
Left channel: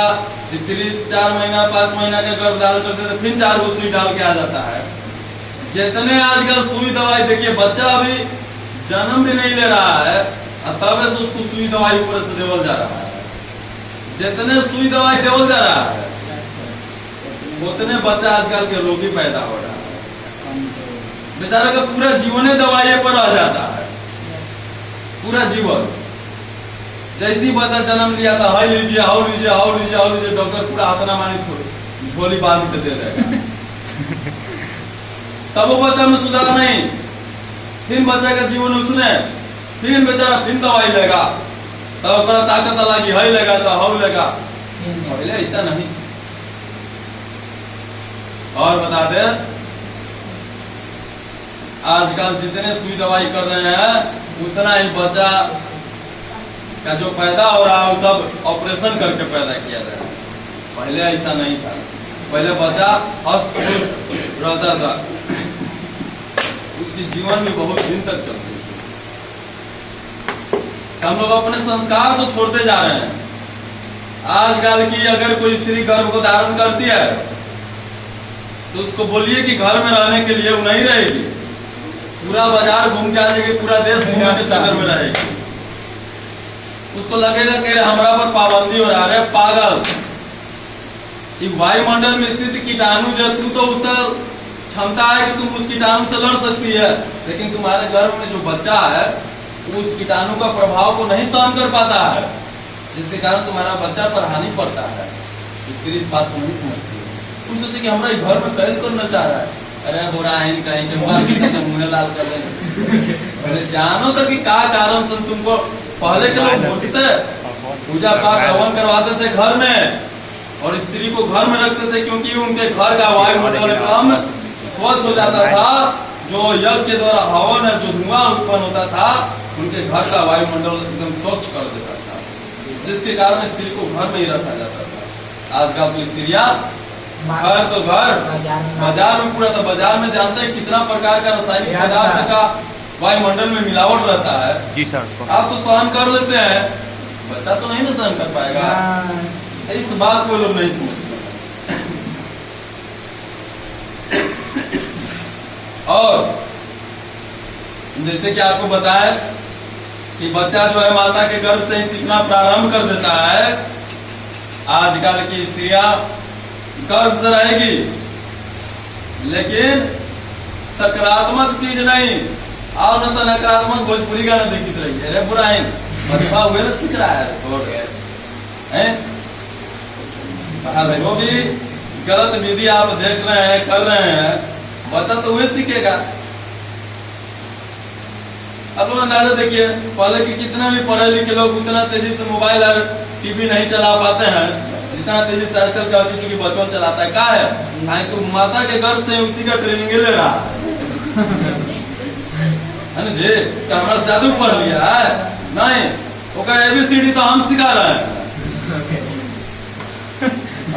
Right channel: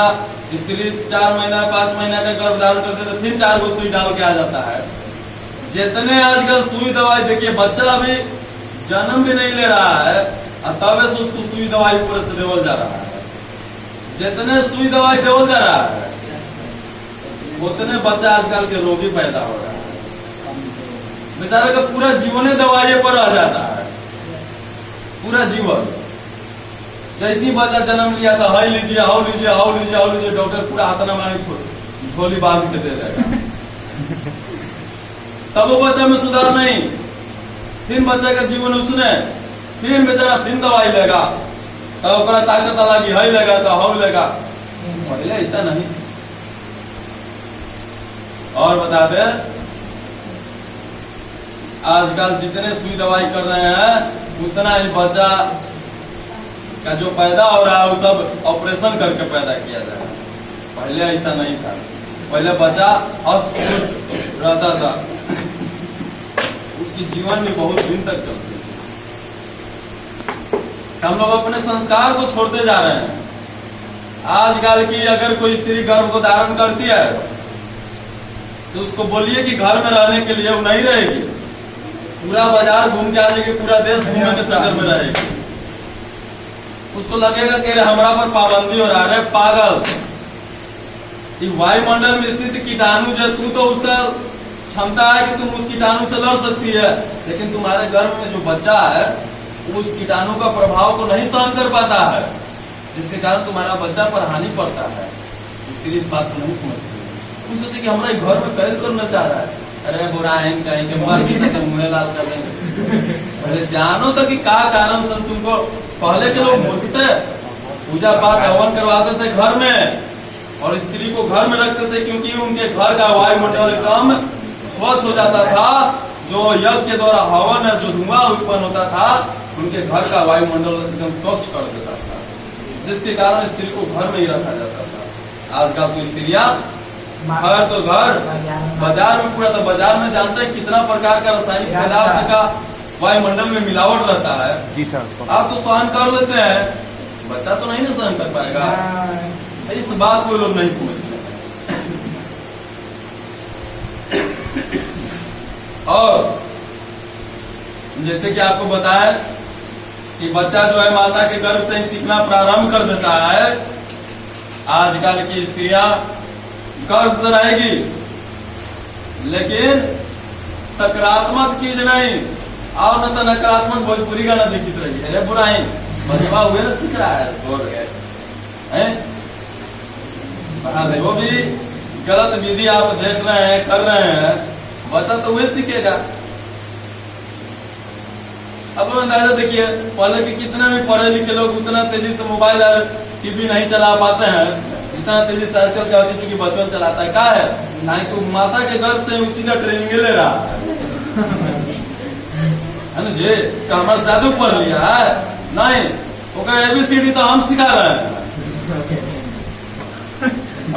स्त्री 4 महीना 5 महीना के गर्भ धारण करते तो फिर 4 गो सुई डाल के आ जाता है। जितने आजकल सुई दवाई, देखिए बच्चा अभी जन्म भी नहीं ले रहा है और तब से उसको सुई दवाई ऊपर से देवल जा रहा है। जितने सुई दवाई देवल जा रहा है उतने बच्चा आजकल के रोगी पैदा हो रहा है। बेचारे का पूरा जीवन ही दवाई पर आ जाता है, पूरा जीवन। जैसी बच्चा जन्म लिया था, हाई लीजिए, हाउ लीजिए, हाउ लीजिए, हाउ लीजिए, डॉक्टर पूरा आतना मानी झोली बांध के दे देगा। तब वो बच्चा में सुधार नहीं, फिर बच्चे का जीवन उसने फिर बेचारा फिर दवाई लेगा, तब ताकत लगी, हाई लेगा तो हाउ लेगा। पहले ऐसा नहीं। और बता दे, आजकल जितने सुई दवाई कर रहे हैं उतना ही बच्चा का जो पैदा हो रहा है वो सब ऑपरेशन करके पैदा किया जा रहा है। पहले ऐसा नहीं था, पहले बच्चा हस्त रहता था, उसकी जीवन भी बहुत दिन तक चलती थी। हम लोग अपने संस्कार को छोड़ते जा रहे हैं। आजकल की अगर कोई स्त्री गर्भ को धारण करती है तो उसको बोलिए कि घर में रहने के लिए वो नहीं रहेगी, पूरा बाजार घूम के आ जाएगी, पूरा देश घूमने के चक्कर में रहेगी। उसको लगेगा कि हमारा पर पाबंदी हो रहा है। पागल, कि वायुमंडल में स्थित कीटाणु जो तू तो उसका क्षमता है कि तुम उस कीटाणु से लड़ सकती है, लेकिन तुम्हारे गर्भ में जो बच्चा है उस कीटाणु का प्रभाव को नहीं सहन कर पाता है, जिसके कारण तुम्हारा बच्चा पर हानि पड़ता है। स्त्री इस बात को नहीं समझती। तुम सोचे कि हमारा घर में कैद करना चाह रहा है, अरे बुरा है कहीं के मुँह लाल कर देंगे। अरे जानो तो कि क्या कारण से तुमको। पहले के लोग उठते पूजा पाठ हवन करवाते थे घर में, और स्त्री को घर में रखते थे क्योंकि उनके घर का वायुमंडल एकदम स्वच्छ हो जाता था। जो यज्ञ के द्वारा हवन है, जो धुआं उत्पन्न होता था, उनके घर का वायुमंडल एकदम स्वच्छ कर देता था, जिसके कारण स्त्री को घर में ही रखा जाता था। आजकल तो स्त्रियां घर तो घर, बाजार में पूरा, तो बाजार में जानते हैं कितना प्रकार का रासायनिक पदार्थ का वायुमंडल में मिलावट रहता है। जी सर। आप तो सहन कर लेते हैं, बच्चा तो नहीं ना सहन कर पाएगा। इस बात को लोग नहीं समझते। और जैसे कि आपको बताया कि बच्चा जो है माता के गर्भ से ही सीखना प्रारंभ कर देता है। आजकल की स्त्रियां गर्भ से रहेगी, लेकिन सकारात्मक चीज नहीं, और न तो नकारात्मक भोजपुरी का न दिखित रही है। अरे बुराइन बदवा हुए ना सीख रहा है, वो भी गलत विधि आप देख रहे हैं, कर रहे हैं, बच्चा तो वही सीखेगा। अब लोग अंदाजा देखिए, पहले के कितना भी पढ़े लिखे लोग उतना तेजी से मोबाइल और टीवी नहीं चला पाते हैं जितना तेजी से आजकल का चूंकि बच्चा चलाता है। क्या है, नहीं तो माता के गर्भ से उसी का ट्रेनिंग ले रहा है जी। हमारा जादू पढ़ लिया है नहीं, वो ABCD तो हम सिखा रहे हैं,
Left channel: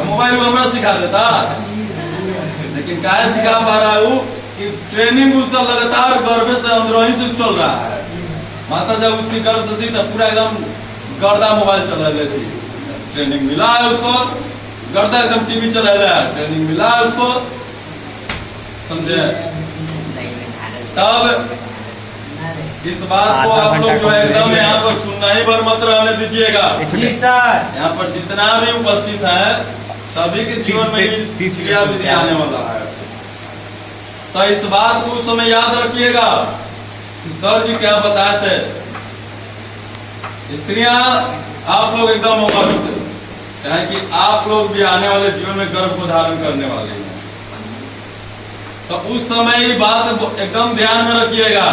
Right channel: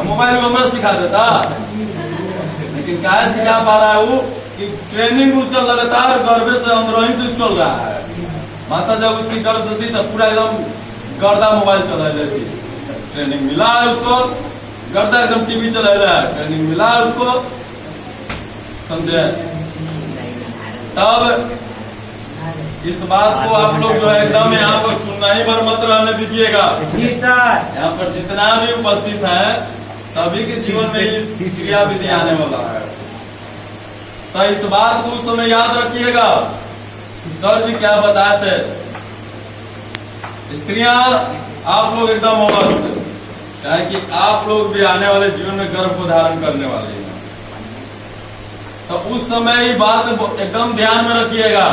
मोबाइल में हमारा सिखा देता। लेकिन क्या सिखा पा रहा है वो कि ट्रेनिंग उसका लगातार गर्भ से अंदर से चल रहा है। माता जब उसकी गर्भ से थी तब पूरा एकदम गर्दा मोबाइल चला लेती, ट्रेनिंग मिला है उसको, गर्दा एकदम टीवी चला रहा है, ट्रेनिंग मिला है उसको, समझे। तब इस बात को आप लोग जो है एकदम यहाँ पर सुनना ही भर मत रहने दीजिएगा। जी सर। यहाँ पर जितना भी उपस्थित है सभी के जीवन में ही क्रिया विधि आने वाला है। तो इस बात को उस समय याद रखिएगा कि सर जी क्या बताए थे। स्त्रियां आप लोग एकदम अवश्य, चाहे कि आप लोग भी आने वाले जीवन में गर्भ को धारण करने वाले हैं, तो उस समय ही बात एकदम ध्यान में रखिएगा।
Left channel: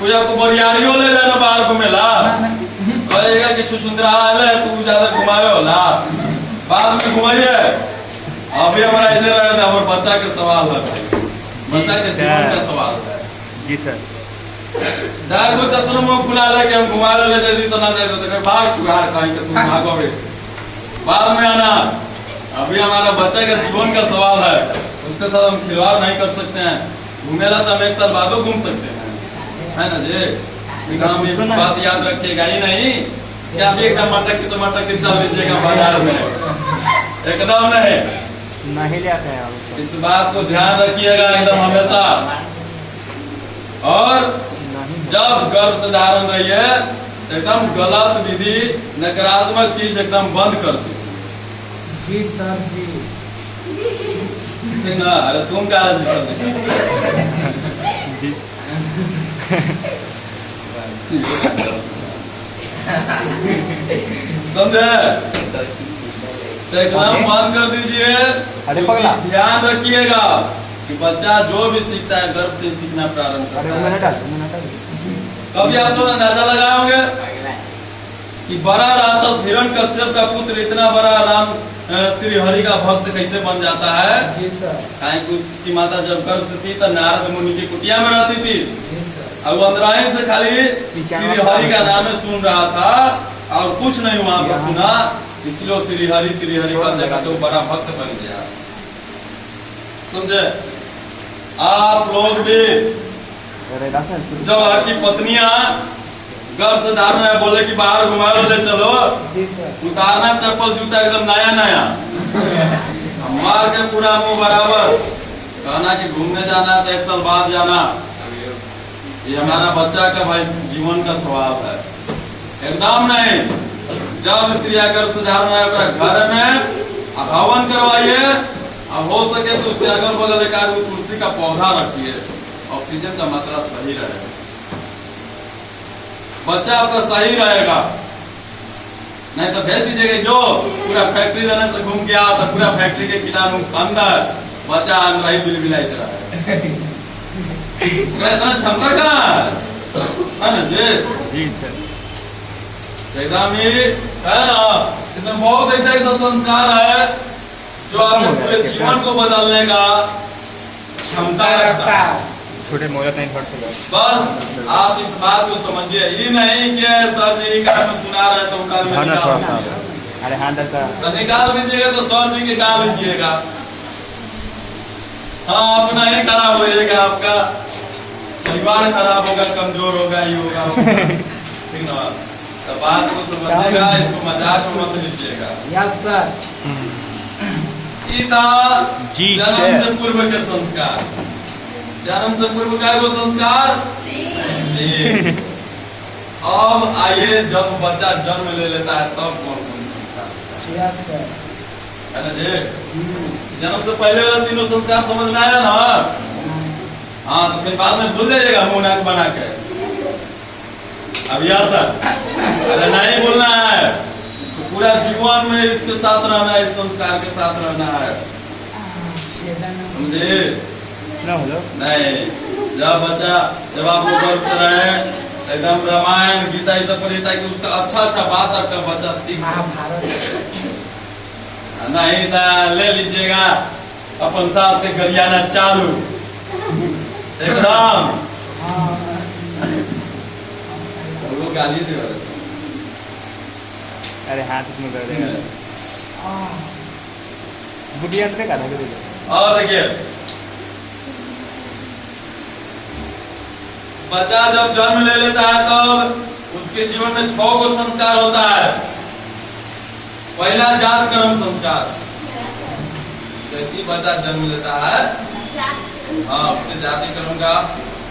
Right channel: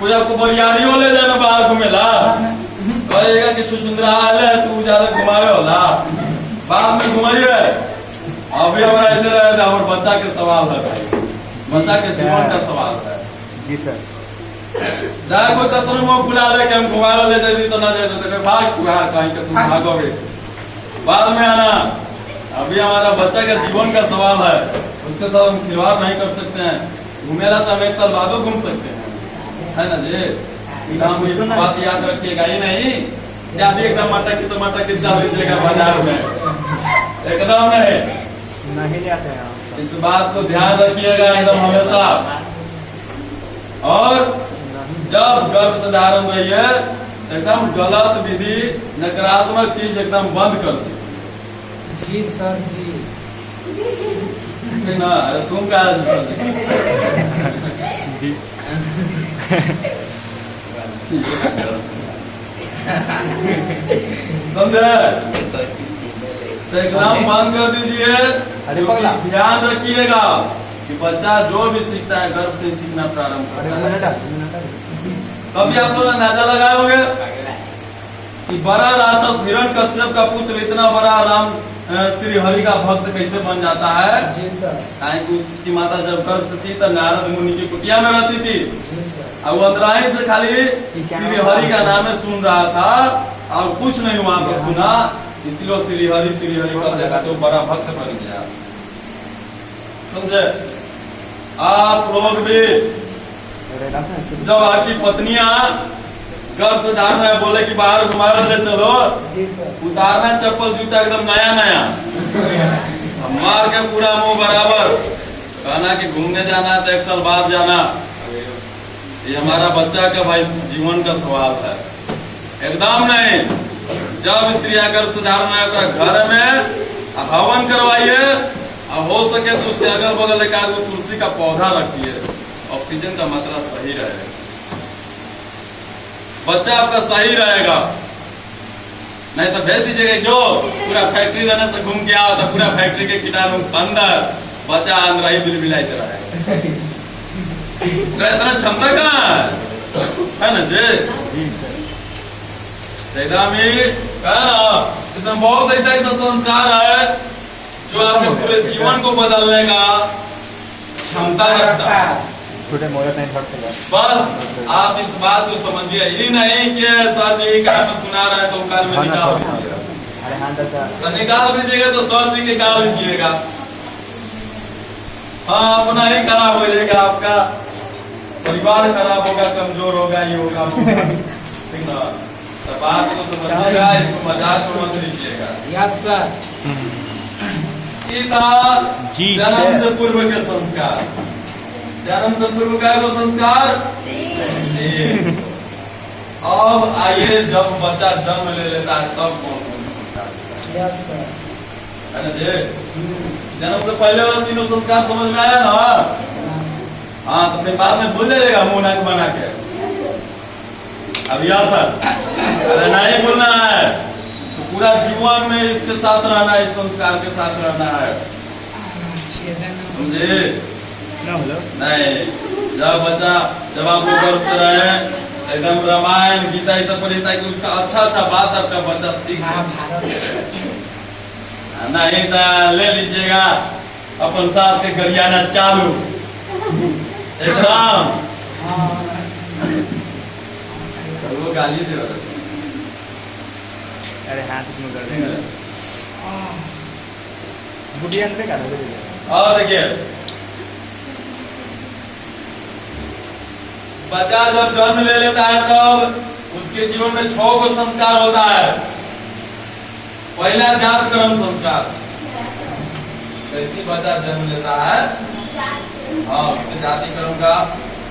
कोई आपको बरियारियों ले जाना बाहर घूमेला, कहेगा कि छुछुंदरा आले तू ज्यादा घुमावे होला, बाद में घुमाइए। अभी हमारा ऐसे रहे थे, हमारे बच्चा के सवाल है भाई, बच्चा के जीवन का सवाल है। जी सर। चाहे कोई कतनो मुंह फुला ले कि हम घुमा ले जाती तो ना दे दो, भाग चुका कहीं कि तुम भागोगे, बाद में आना। अभी हमारा बच्चा का जीवन का सवाल है, उसके साथ हम खिलवाड़ नहीं कर सकते हैं। घूमेला तो हम एक साल बाद घूम सकते हैं, है ना जी। एकदम ये बात याद रखिएगा ही नहीं कि आप एकदम मटक की तो मटक की चल दीजिएगा बाजार में, एकदम नहीं जाते हैं। इस बात को ध्यान रखिएगा एकदम हमेशा। और जब गर्भ से धारण रही है एकदम गलत विधि, नकारात्मक चीज एकदम बंद कर दो। जी सर जी। ना अरे तुम क्या जी समझे? तो एकदम बंद कर दीजिए। ध्यान रखिएगा कि बच्चा जो भी सीखता है गर्भ से सीखना प्रारंभ करता है। कभी आप लोग अंदाजा लगाए होंगे कि बड़ा राक्षस हिरण्यकश्यप का पुत्र इतना बड़ा राम श्री हरि का भक्त कैसे बन जाता है? जी सर। उसकी माता जब गर्भ से थी तो नारद मुनि की कुटिया में रहती थी। जी सर। अब वो अंदराही से खाली श्री हरि का नाम सुन रहा था और कुछ नहीं वहां पर सुना, इसलिए श्री हरि कर जगह तो बड़ा भक्त बन गया। समझे? आप लोग भी जब आपकी पत्नियां गर्भ से धारण है बोले कि बाहर घुमा ले चलो, जी सर। उतारना चप्पल जूता एकदम नया नया, मार के पूरा मुंह बराबर, कहना कि घूमने जाना है तो एक साल बाद जाना। ये हमारा बच्चा का भाई जीवन का सवाल है, एकदम नहीं। जब स्त्री गर्भ से धारण है घर में हवन करवाइए, अब हो सके तो उसके अगल बगल एक आध तुलसी का पौधा रखिए, ऑक्सीजन का मात्रा सही रहेगा, बच्चा आपका सही रहेगा। नहीं तो भेज दीजिएगा जो पूरा फैक्ट्री देने से घूम के आओ तो पूरा फैक्ट्री के कीटाणु अंदर, बच्चा अंदर ही बिल बिलाते रहे। इतना क्षमता कहाँ है ना जी? एकदम ही इसमें बहुत ऐसा ऐसा संस्कार है जो आपके पूरे जीवन को बदलने का क्षमता रखता है। छोटे मोहलत नहीं छोड़ते। बस आप इस बात को समझिए, ये नहीं कि सर जी कान में सुना रहे तो कान में निकाल दीजिएगा। अरे हाँ तो निकाल दीजिएगा तो सर जी निकाल लीजिएगा। हाँ, अपना ही खराब हो जाएगा, आपका परिवार खराब होगा, कमजोर होगा, ये होगा ठीक ना। तो बात को समझिएगा, इसको मजाक में मत लीजिएगा। Yes sir. जन्म से पूर्व के संस्कार, जन्म से पूर्व का वो संस्कार। अब आइए जब बच्चा जन्म ले लेता है तब कौन कौन संस्कार? Yes sir. है ना जी? जन्म से पहले वाला तीनों संस्कार समझ में आया ना? हाँ, तो फिर बाद में भूल जाइएगा मुंह नाक बना के। अब यह सर अरे नहीं बोलना है, तो पूरा जीवन में इसके साथ रहना है, इस संस्कार के साथ रहना है, समझे? नहीं, जब आप लोग गर्भ से रहे एकदम रामायण गीता ये सब पढ़े ताकि उसका अच्छा बात आपका बच्चा सीख नहीं तो ले लीजिएगा अपन सास के गरियाना चालू एकदम। तो वो गाली दे रहा। अरे हाथ में कर देगा बुढ़िया से का था। और देखिए बच्चा जब जन्म ले लेता है तब उसके जीवन में 6 को संस्कार होता है। पहला जात कर्म संस्कार, जैसे बच्चा जन्म लेता है हाँ उसके जाति कर्म का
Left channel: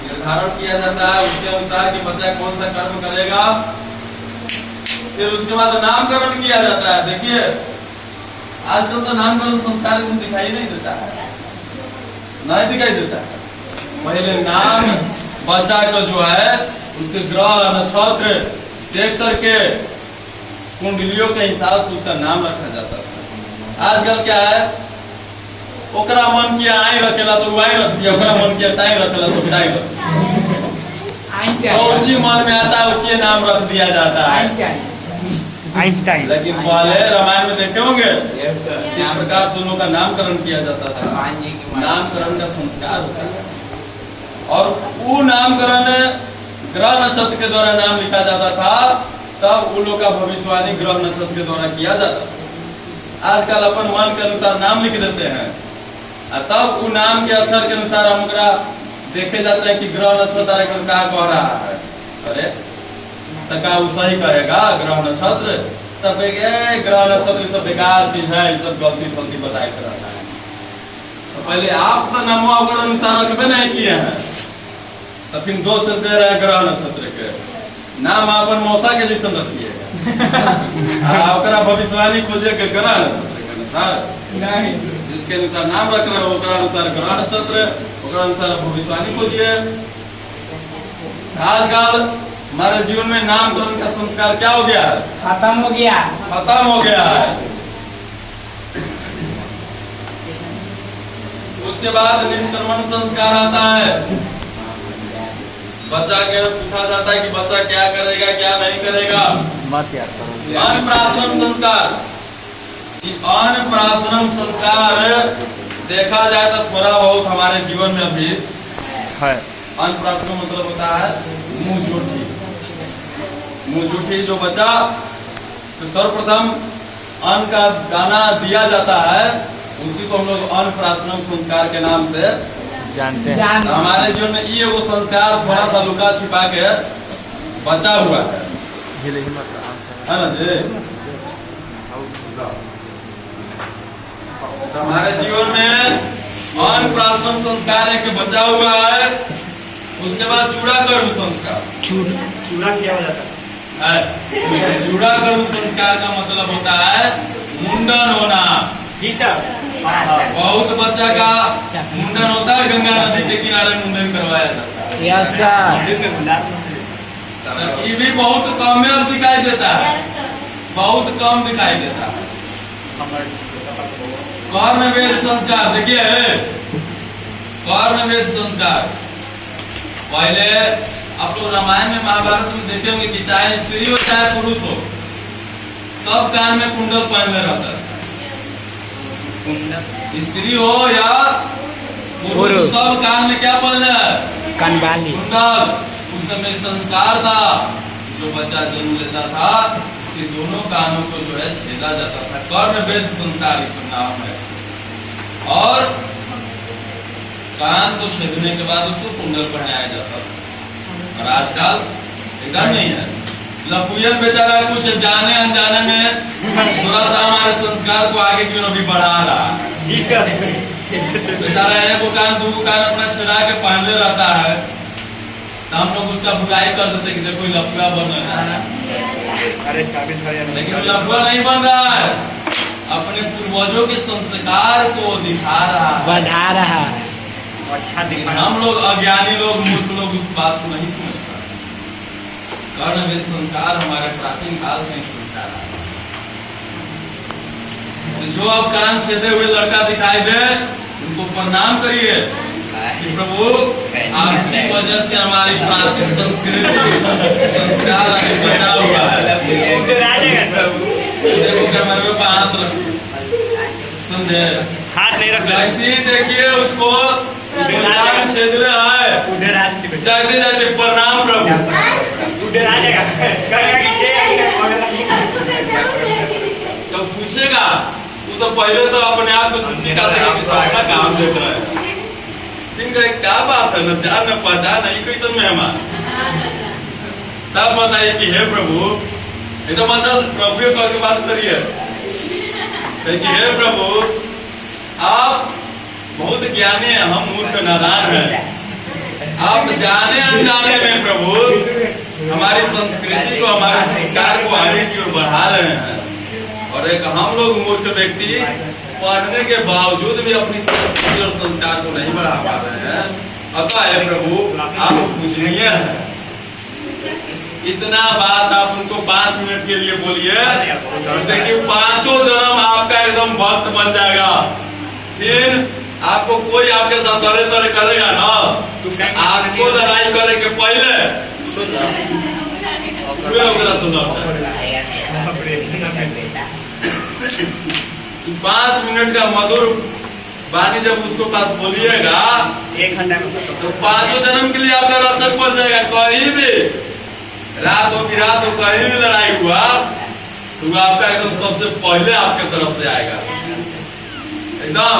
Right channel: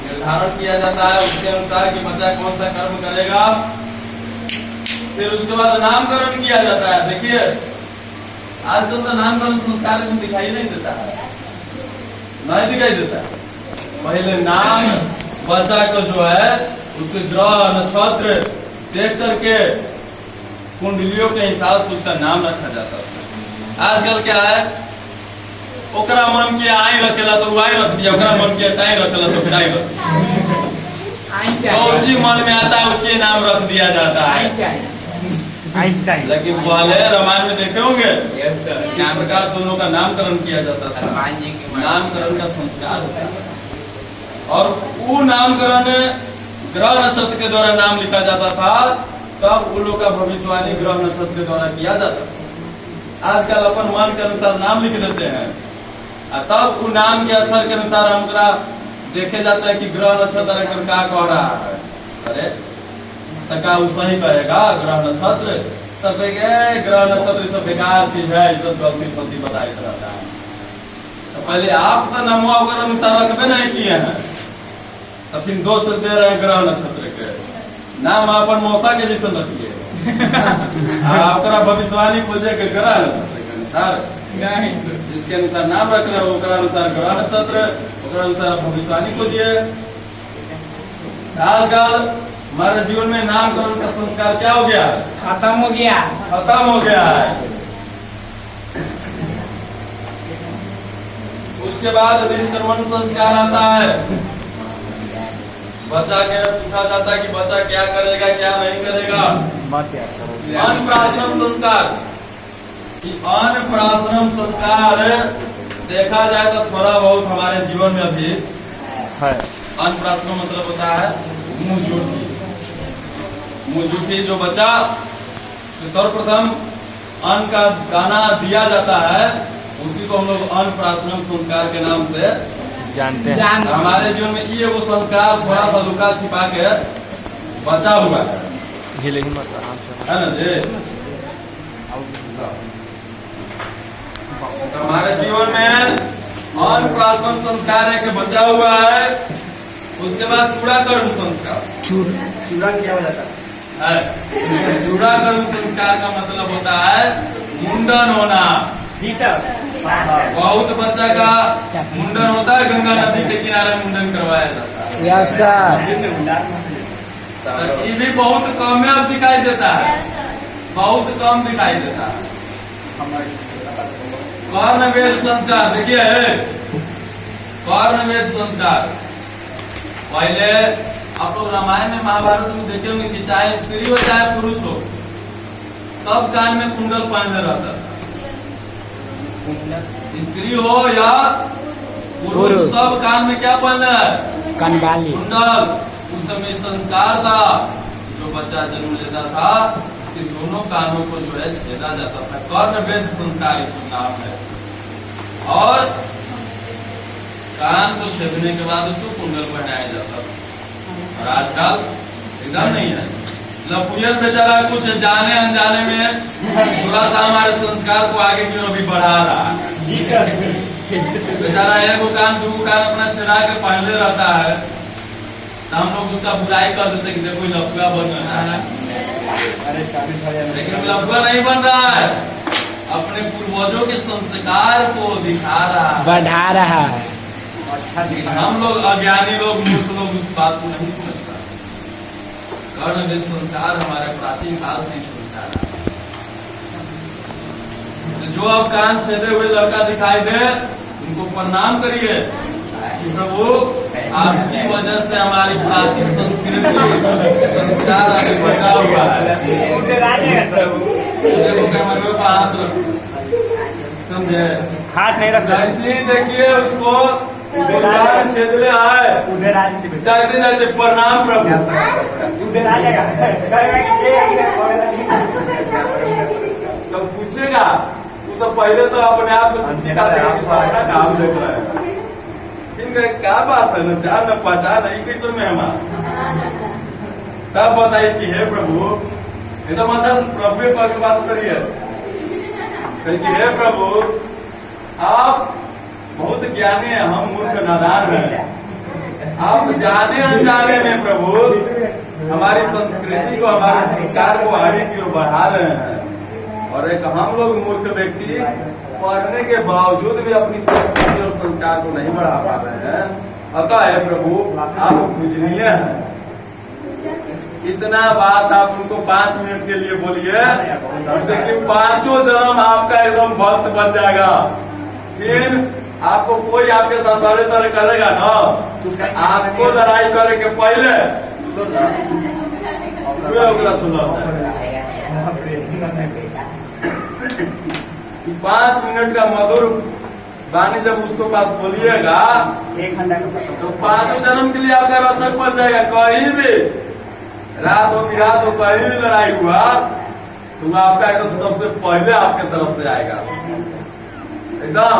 निर्धारण किया जाता है, उसके अनुसार कि बच्चा कौन सा कर्म करेगा। फिर उसके बाद नामकरण किया जाता है। देखिए आजकल तो नामकरण संस्कार को दिखाई नहीं देता है, नहीं दिखाई देता है। पहले नाम बच्चा को जो है उसके ग्रह नक्षत्र देख करके कुंडलियों के हिसाब से उसका नाम रखा जाता था। आजकल क्या है, ओकरा मन किया आई रखेला तो आई रख दिया, ओकरा मन किया ताई रखेला तो ताई रख दिया, ऊंची मन में आता है ऊंची नाम रख दिया जाता है। आइंस्टाइन। लेकिन पहले रामायण में देखे होंगे किस प्रकार से उन का नामकरण किया जाता था। नामकरण का संस्कार होता है और वो नामकरण ग्रह नक्षत्र के द्वारा नाम लिखा जाता था, तब उन लोग का भविष्यवाणी ग्रह नक्षत्र के द्वारा किया जाता था। आजकल अपन मन के अनुसार नाम लिख देते हैं और तब वो नाम के अक्षर के अनुसार हमका देखे जाते हैं कि ग्रह नक्षत्र क्या कह रहा है। अरे तका सही कहेगा ग्रह नक्षत्र, तब ग्रह नक्षत्र सब बेकार चीज है, सब गलती बताए रहता है। तो पहले आप तो नामो अगर अनुसार रखबे नहीं किए हैं, तो फिर दोस्त दे रहे हैं ग्रह नक्षत्र के नाम अपन मौसा के जैसे रखिए भविष्यवाणी खोजे के ग्रह नक्षत्र के अनुसार नहीं, जिसके अनुसार नाम रख रहे हो अनुसार ग्रह नक्षत्र, अनुसार भविष्यवाणी खोजिए। आजकल हमारे जीवन में नामकरण का संस्कार क्या हो गया है? खत्म हो गया, खत्म हो गया है। उसके बाद निष्क्रमण संस्कार आता है। बच्चा के पूछा जाता है कि बच्चा क्या करेगा क्या नहीं करेगा। अन्नप्राशनम संस्कार, अन्नप्राशनम संस्कार देखा जाए तो थोड़ा बहुत हमारे जीवन में भी है। अन्नप्राशनम मतलब होता है मुंह जूठी। मुंह जूठी जो बच्चा तो सर्वप्रथम अन्न का दाना दिया जाता है, उसी को हम लोग अन्नप्राशनम संस्कार के नाम से जानते हैं। हमारे जीवन में ये वो संस्कार थोड़ा सा लुका छिपा के बचा हुआ है ना जी। तो हमारे जीवन में अन्नप्राशनम संस्कार एक बचा हुआ है। उसके बाद चूड़ाकर्म संस्कार। चूड़ा क्या हो जाता है? चूड़ाकर्म संस्कार का मतलब होता है मुंडन होना। बहुत बच्चा का मुंडन होता है, गंगा नदी के किनारे मुंडन करवाया जाता है। Yes sir. ये भी बहुत कम में दिखाई देता है, बहुत कम दिखाई देता है। कर्णवेद संस्कार देखिए, कर्णवेद संस्कार पहले आप लोग रामायण में महाभारत में देखेंगे कि चाहे स्त्री हो चाहे पुरुष हो, सब कान में कुंडल पहनले रहता है। स्त्री हो या पुरुष, सब कान में क्या पहनले है? कानबाली कुंडल। उस समय संस्कार था, जो बच्चा जन्म लेता था उसके दोनों कानों को जो है छेदा जाता था। कर्णवेद संस्कार इसका नाम है। और कान को छेदने के बाद उसको कुंडल पहनाया जाता था। और आजकल इधर नहीं है। लपुयन बेचारा कुछ जाने अनजाने में थोड़ा सा हमारे संस्कार को आगे की ओर अभी बढ़ा रहा है। बेचारा एक कान दो कान अपना छेदा के पहनले रहता है, तो हम लोग उसका बुराई कर देते कि देखो लफुआ बन रहा है। लेकिन लफुआ नहीं बन रहा है, अपने पूर्वजों के संस्कार को दिखा रहा है, बढ़ा रहा है। हम लोग अज्ञानी लोग, मूर्ख लोग उस बात को नहीं समझ पाते। कर्णवेद संस्कार हमारे प्राचीन काल से संस्कार है। तो जो अब कान छेदे हुए लड़का दिखाई दे, उनको प्रणाम करिए कि प्रभु आपकी वजह से हमारी प्राचीन संस्कृति संस्कार बचा हुआ है। देखो कैमरे में हाथ रखो, समझे? हाथ नहीं रख। ऐसे ही देखिए उसको छेदले आए, जाते जाते प्रणाम प्रभु। तो पूछेगा तू तो पहले तो अपने आप को चुटकी का अपना काम देख रहा है, क्या बात है, न जान न पहचान नहीं कैसे में हमारा। तब बताइए कि हे प्रभु, ये तो मतलब प्रभु की बात करिए कि हे प्रभु आप बहुत ज्ञानी है, हम मूर्ख नादान हैं। आप जाने अनजाने में प्रभु हमारी संस्कृति को, हमारे संस्कार को आगे की ओर बढ़ा रहे हैं। और एक हम लोग मूर्ख व्यक्ति पढ़ने के बावजूद भी अपनी संस्कृति और संस्कार को नहीं बढ़ा पा रहे हैं। अतः हे प्रभु आप पूजनीय हैं। इतना बात आप उनको 5 मिनट के लिए बोलिए, देखिए 5 जन्म आपका एकदम भक्त बन जाएगा। फिर आपको कोई आपके साथ तरह तरह करेगा ना, आपको लड़ाई करे के पहले सुनना 5 मिनट का मधुर वाणी जब उसको पास बोलिएगा 1 घंटा में तो 5 जन्म के लिए आपका रक्षक बन जाएगा। कहीं भी रात हो बिरात हो कहीं भी लड़ाई हुआ तो आपका एकदम सबसे पहले आपके तरफ से आएगा। एकदम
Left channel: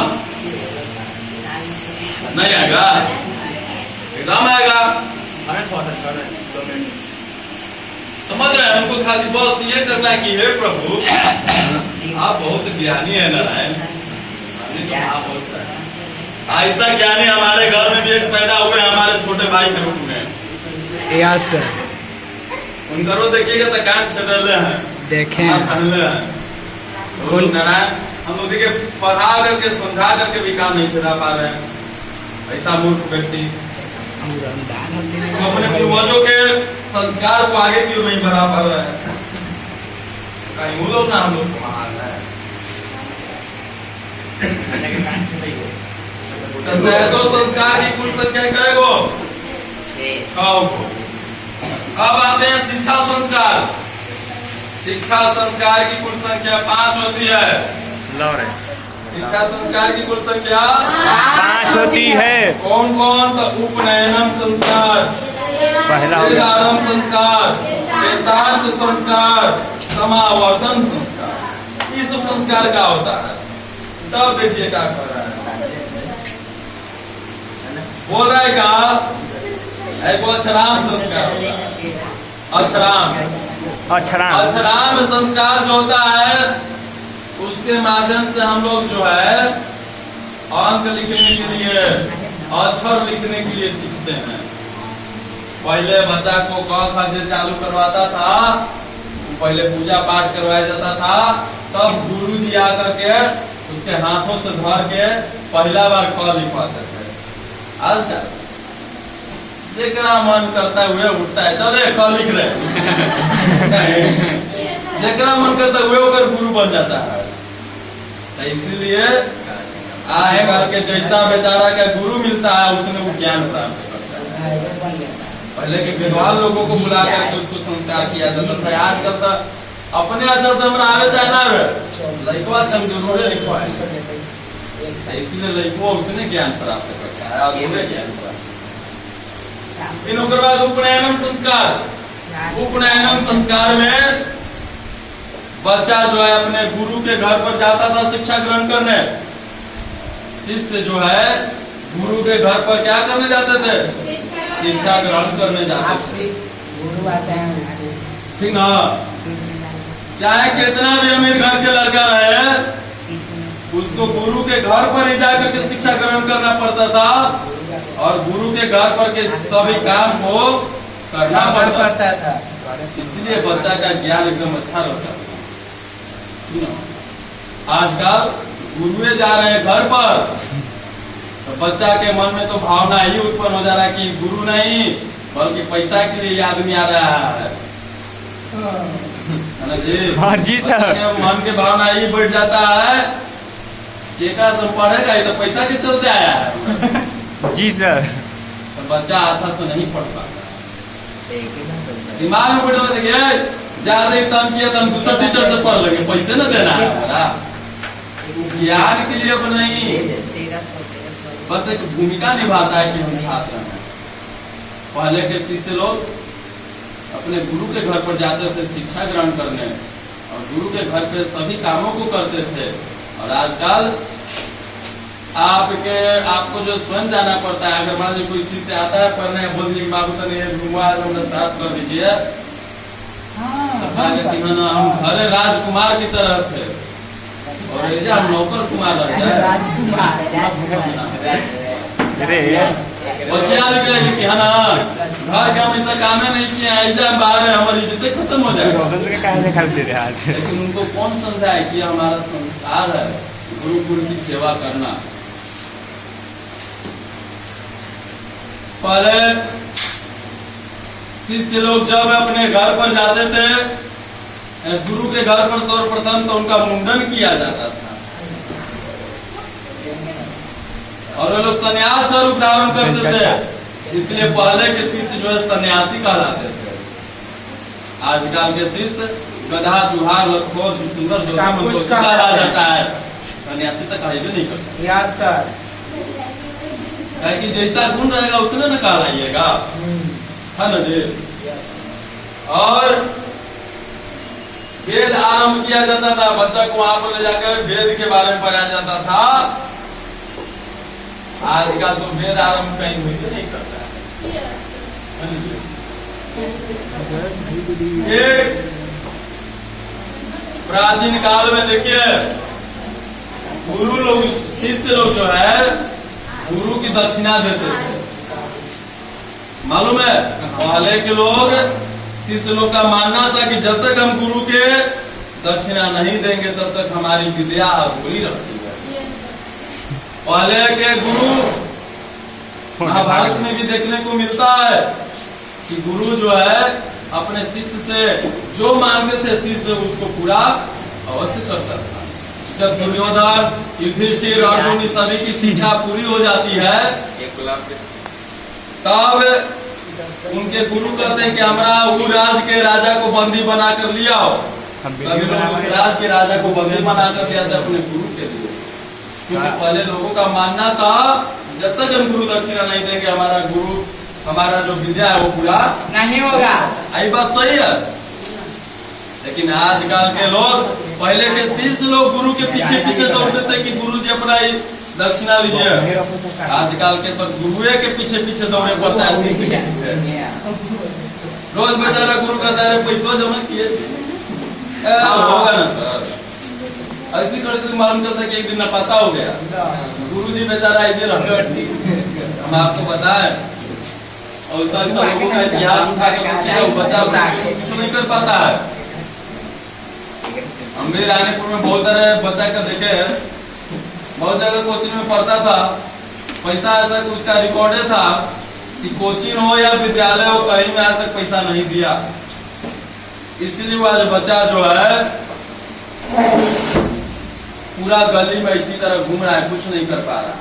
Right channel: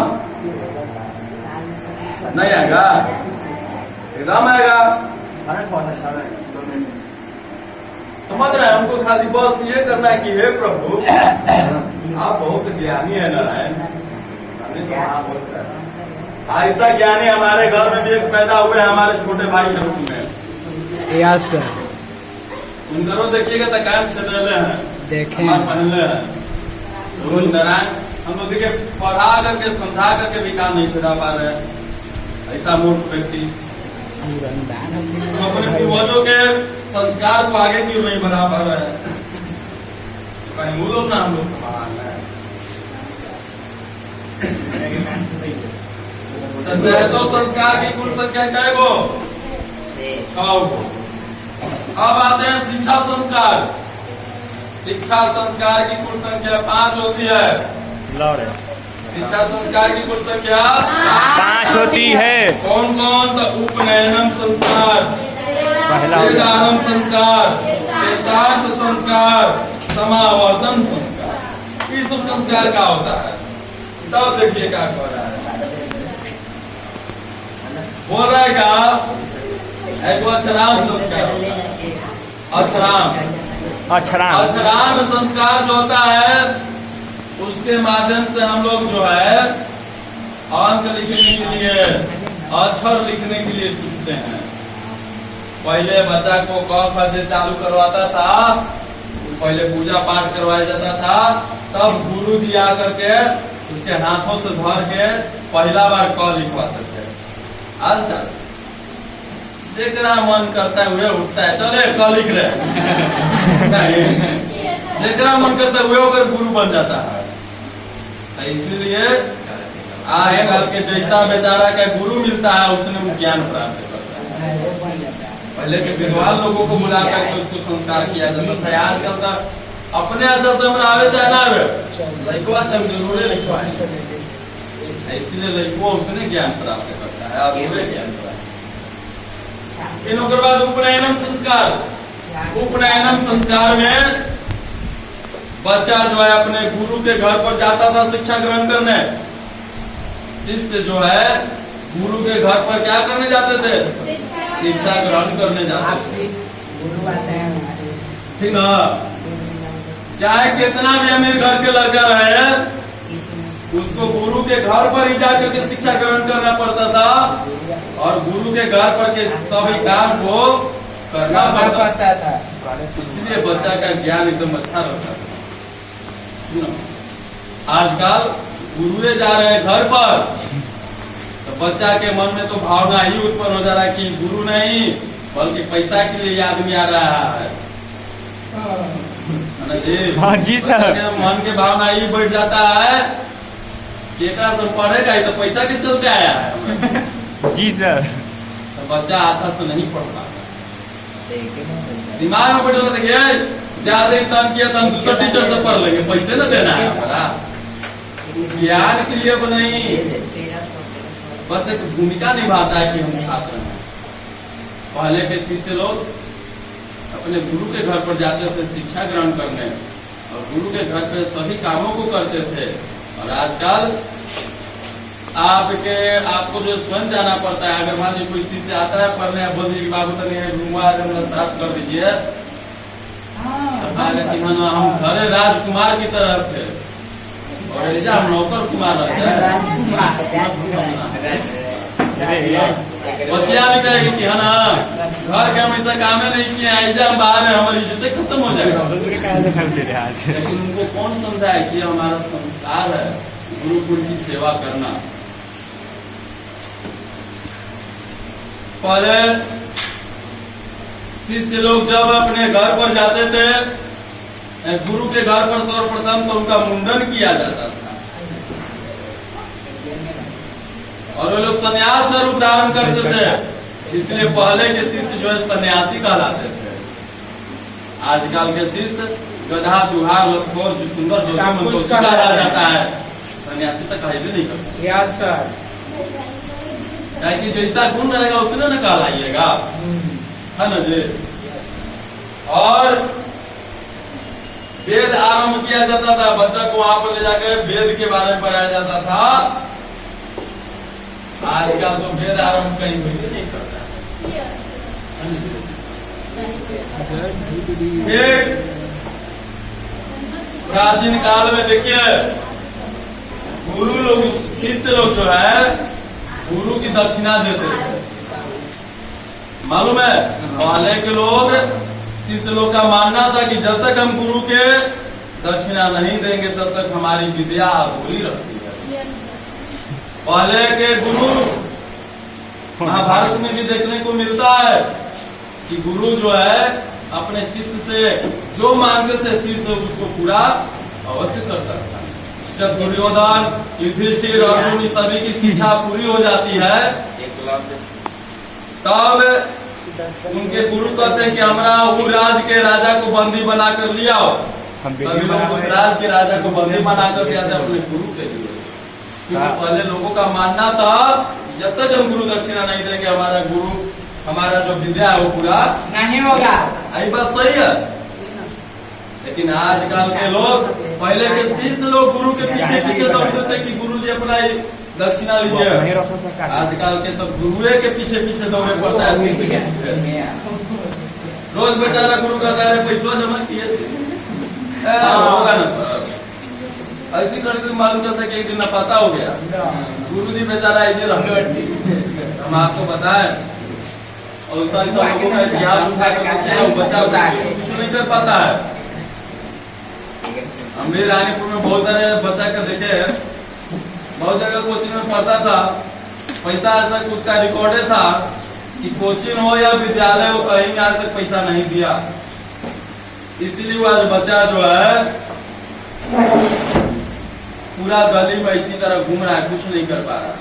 नहीं आएगा, एकदम आएगा। समझ रहे हैं? उनको खाली बस ये करना है कि हे प्रभु आप बहुत ज्ञानी है नारायण। ऐसा ज्ञानी हमारे घर में भी एक पैदा हुए हमारे छोटे भाई के रूप में। यस सर, उनको देखिएगा तो कान छेदले हैं, देखें नारायण। हम लोग देखिए पढ़ा करके समझा करके भी काम नहीं छेदा पा रहे हैं। ऐसा मूर्ख व्यक्ति अपने पूर्वजों के संस्कार को आगे क्यों नहीं बढ़ा पा रहे हैं? कहीं वो लोग ना हम लोग समान है। संस्कार की कुल संख्या क्या गो? 6 को। अब आते हैं शिक्षा संस्कार। शिक्षा संस्कार की कुल संख्या 5 होती है। शिक्षा संस्कार की कुल संख्या 5 होती है। कौन कौन? तो उपनयनम संस्कार, पहला हो गया। वेदारंभ संस्कार, वेदांत संस्कार, समावर्तन संस्कार। ये सब संस्कार का होता है। तब देखिए क्या कर रहा है, बोल रहा है क्या? एक अक्षराम संस्कार होता है। अक्षराम संस्कार जो होता है उसके माध्यम से हम लोग जो है अंक लिखने के लिए, अक्षर लिखने के लिए सीखते हैं। पहले बच्चा को क ख से चालू करवाता था, पहले पूजा पाठ करवाया जाता था, तब गुरु जी आकर के उसके हाथों से धर के पहला बार क लिखवाते थे। आजकल जेकरा मन करता है वह उठता है, चले क लिख रहे जेकरा मन करता है वह होकर गुरु बन जाता है। तो इसीलिए आगे करके जैसा बेचारा क्या गुरु मिलता है उसने वो ज्ञान प्राप्त करता है। पहले के विद्वान लोगों को बुला करके उसको संस्कार किया जाता था। आजकल तो अपने अच्छा से हमरा आवे चाहे ना आवे, लड़का चल जरूर लिखवाए, इसलिए लड़को उसने ज्ञान प्राप्त करता है और ज्ञान प्राप्त। इन के बाद उपनयनम संस्कार। उपनयनम संस्कार में बच्चा जो है अपने गुरु के घर पर जाता था शिक्षा ग्रहण करने। शिष्य जो है गुरु के घर पर क्या करने जाते थे? शिक्षा ग्रहण करने जाते थे। ठीक ना? चाहे कितना भी अमीर घर के लड़का रहे, उसको गुरु के घर पर ही जाकर के शिक्षा ग्रहण करना पड़ता था और गुरु के घर पर के सभी काम को करना पड़ता था। इसलिए बच्चा का ज्ञान एकदम अच्छा रहता था। आजकल गुरुए जा रहे हैं घर पर, तो बच्चा के मन में तो भावना ही उत्पन्न हो जा रहा है कि गुरु नहीं बल्कि पैसा के लिए आदमी आ रहा है। हाँ जी सर। मन के भावना ही बैठ जाता है कि एक पढ़ेगा ये तो पैसा के चलते आया है। जी सर। तो बच्चा अच्छा से नहीं पढ़ता, दिमाग में बैठा देखिए ज्यादा तंग किया तो हम दूसरा टीचर से पढ़ लेंगे, पैसे न देना है हमारा। ज्ञान के लिए नहीं, बस एक भूमिका निभाता है कि हम छात्र हैं। पहले के शिष्य लोग अपने गुरु के घर पर जाते थे शिक्षा ग्रहण करने और गुरु के घर पे सभी कामों को करते थे। और आजकल आपको जो स्वयं जाना पड़ता है। अगर मान लीजिए कोई शिष्य आता है पढ़ने, बोल दिए कि बाबू तो नहीं स्टार्ट कर दीजिए, हम घरे राजकुमार की तरह थे और हम नौकर कुमार रहते हैं। बचिया भी कहेगी कि है ना घर के हमेशा कामे नहीं किए, ऐसा हम बाहर है, हमारी इज्जत खत्म हो जाएगा। लेकिन उनको कौन समझाए कि हमारा संस्कार है गुरु की सेवा करना। पहले शिष्य लोग जब अपने घर पर जाते थे, गुरु के घर पर सर्वप्रथम तो उनका मुंडन किया जाता था और वो लोग सन्यास का रूप धारण करते थे, इसलिए पहले के शिष्य जो है सन्यासी कहलाते थे। आजकल के शिष्य गधा चूहा लखोर सुंदर कहा जाता है, सन्यासी तक कहीं भी नहीं करता। Yes sir. कि जैसा गुण रहेगा उतने न कहलाइएगा, है ना जी। और वेद आरंभ किया जाता था, बच्चा को वहां पर ले जाकर वेद के बारे में पढ़ाया जाता था। आजकल तो वेद आरंभ कहीं भी नहीं करता है। एक प्राचीन काल में देखिए, गुरु लोग शिष्य लोग जो है गुरु की दक्षिणा देते थे। मालूम है, पहले के लोग शिष्य लोग का मानना था कि जब तक हम गुरु के दक्षिणा नहीं देंगे तब तक हमारी विद्या अधूरी रहती है। पहले के गुरु महाभारत में भी देखने को मिलता है कि गुरु जो है अपने शिष्य से जो मांगते थे शिष्य उसको पूरा अवश्य करता था। जब दुर्योधन, युधिष्ठिर, अर्जुन सभी की शिक्षा पूरी हो जाती है तब उनके गुरु कहते हैं कि हमारा उस राज के राजा को बंदी बनाकर लिया आओ। सभी लोग उस राज के राजा को बंदी बनाकर लिया था अपने गुरु के लिए, क्योंकि पहले लोगों का मानना था जब तक हम गुरु दक्षिणा नहीं देंगे हमारा गुरु, हमारा जो विद्या है वो पूरा नहीं होगा। यही बात सही है। लेकिन आजकल के लोग, पहले के शिष्य लोग गुरु के पीछे पीछे दौड़ते थे कि गुरु जी अपना दक्षिणा लीजिए। आजकल के तो गुरुए के पीछे पीछे दौड़े पड़ता है शिष्य के पीछे। रोज बेचारा गुरु का दायरे पैसा जमा किए होगा ना सर, ऐसी करते मालूम चलता कि एक दिन नफाता हो गया। गुरु जी बेचारा ऐसे रंगटी हम आपको बताएं, और उसका लोगों का इतिहास उठा कर बच्चा कुछ नहीं कर पाता है। हम भी रानीपुर में बहुत सारे बच्चा का देखे हैं, बहुत जगह कोचिंग में पढ़ता था, पैसा आज तक उसका रिकॉर्ड था कि कोचिंग हो या विद्यालय हो कहीं में आज तक पैसा नहीं दिया। इसलिए वो आज बच्चा जो है पूरा गली में इसी तरह घूम रहा है, कुछ नहीं कर पा रहा।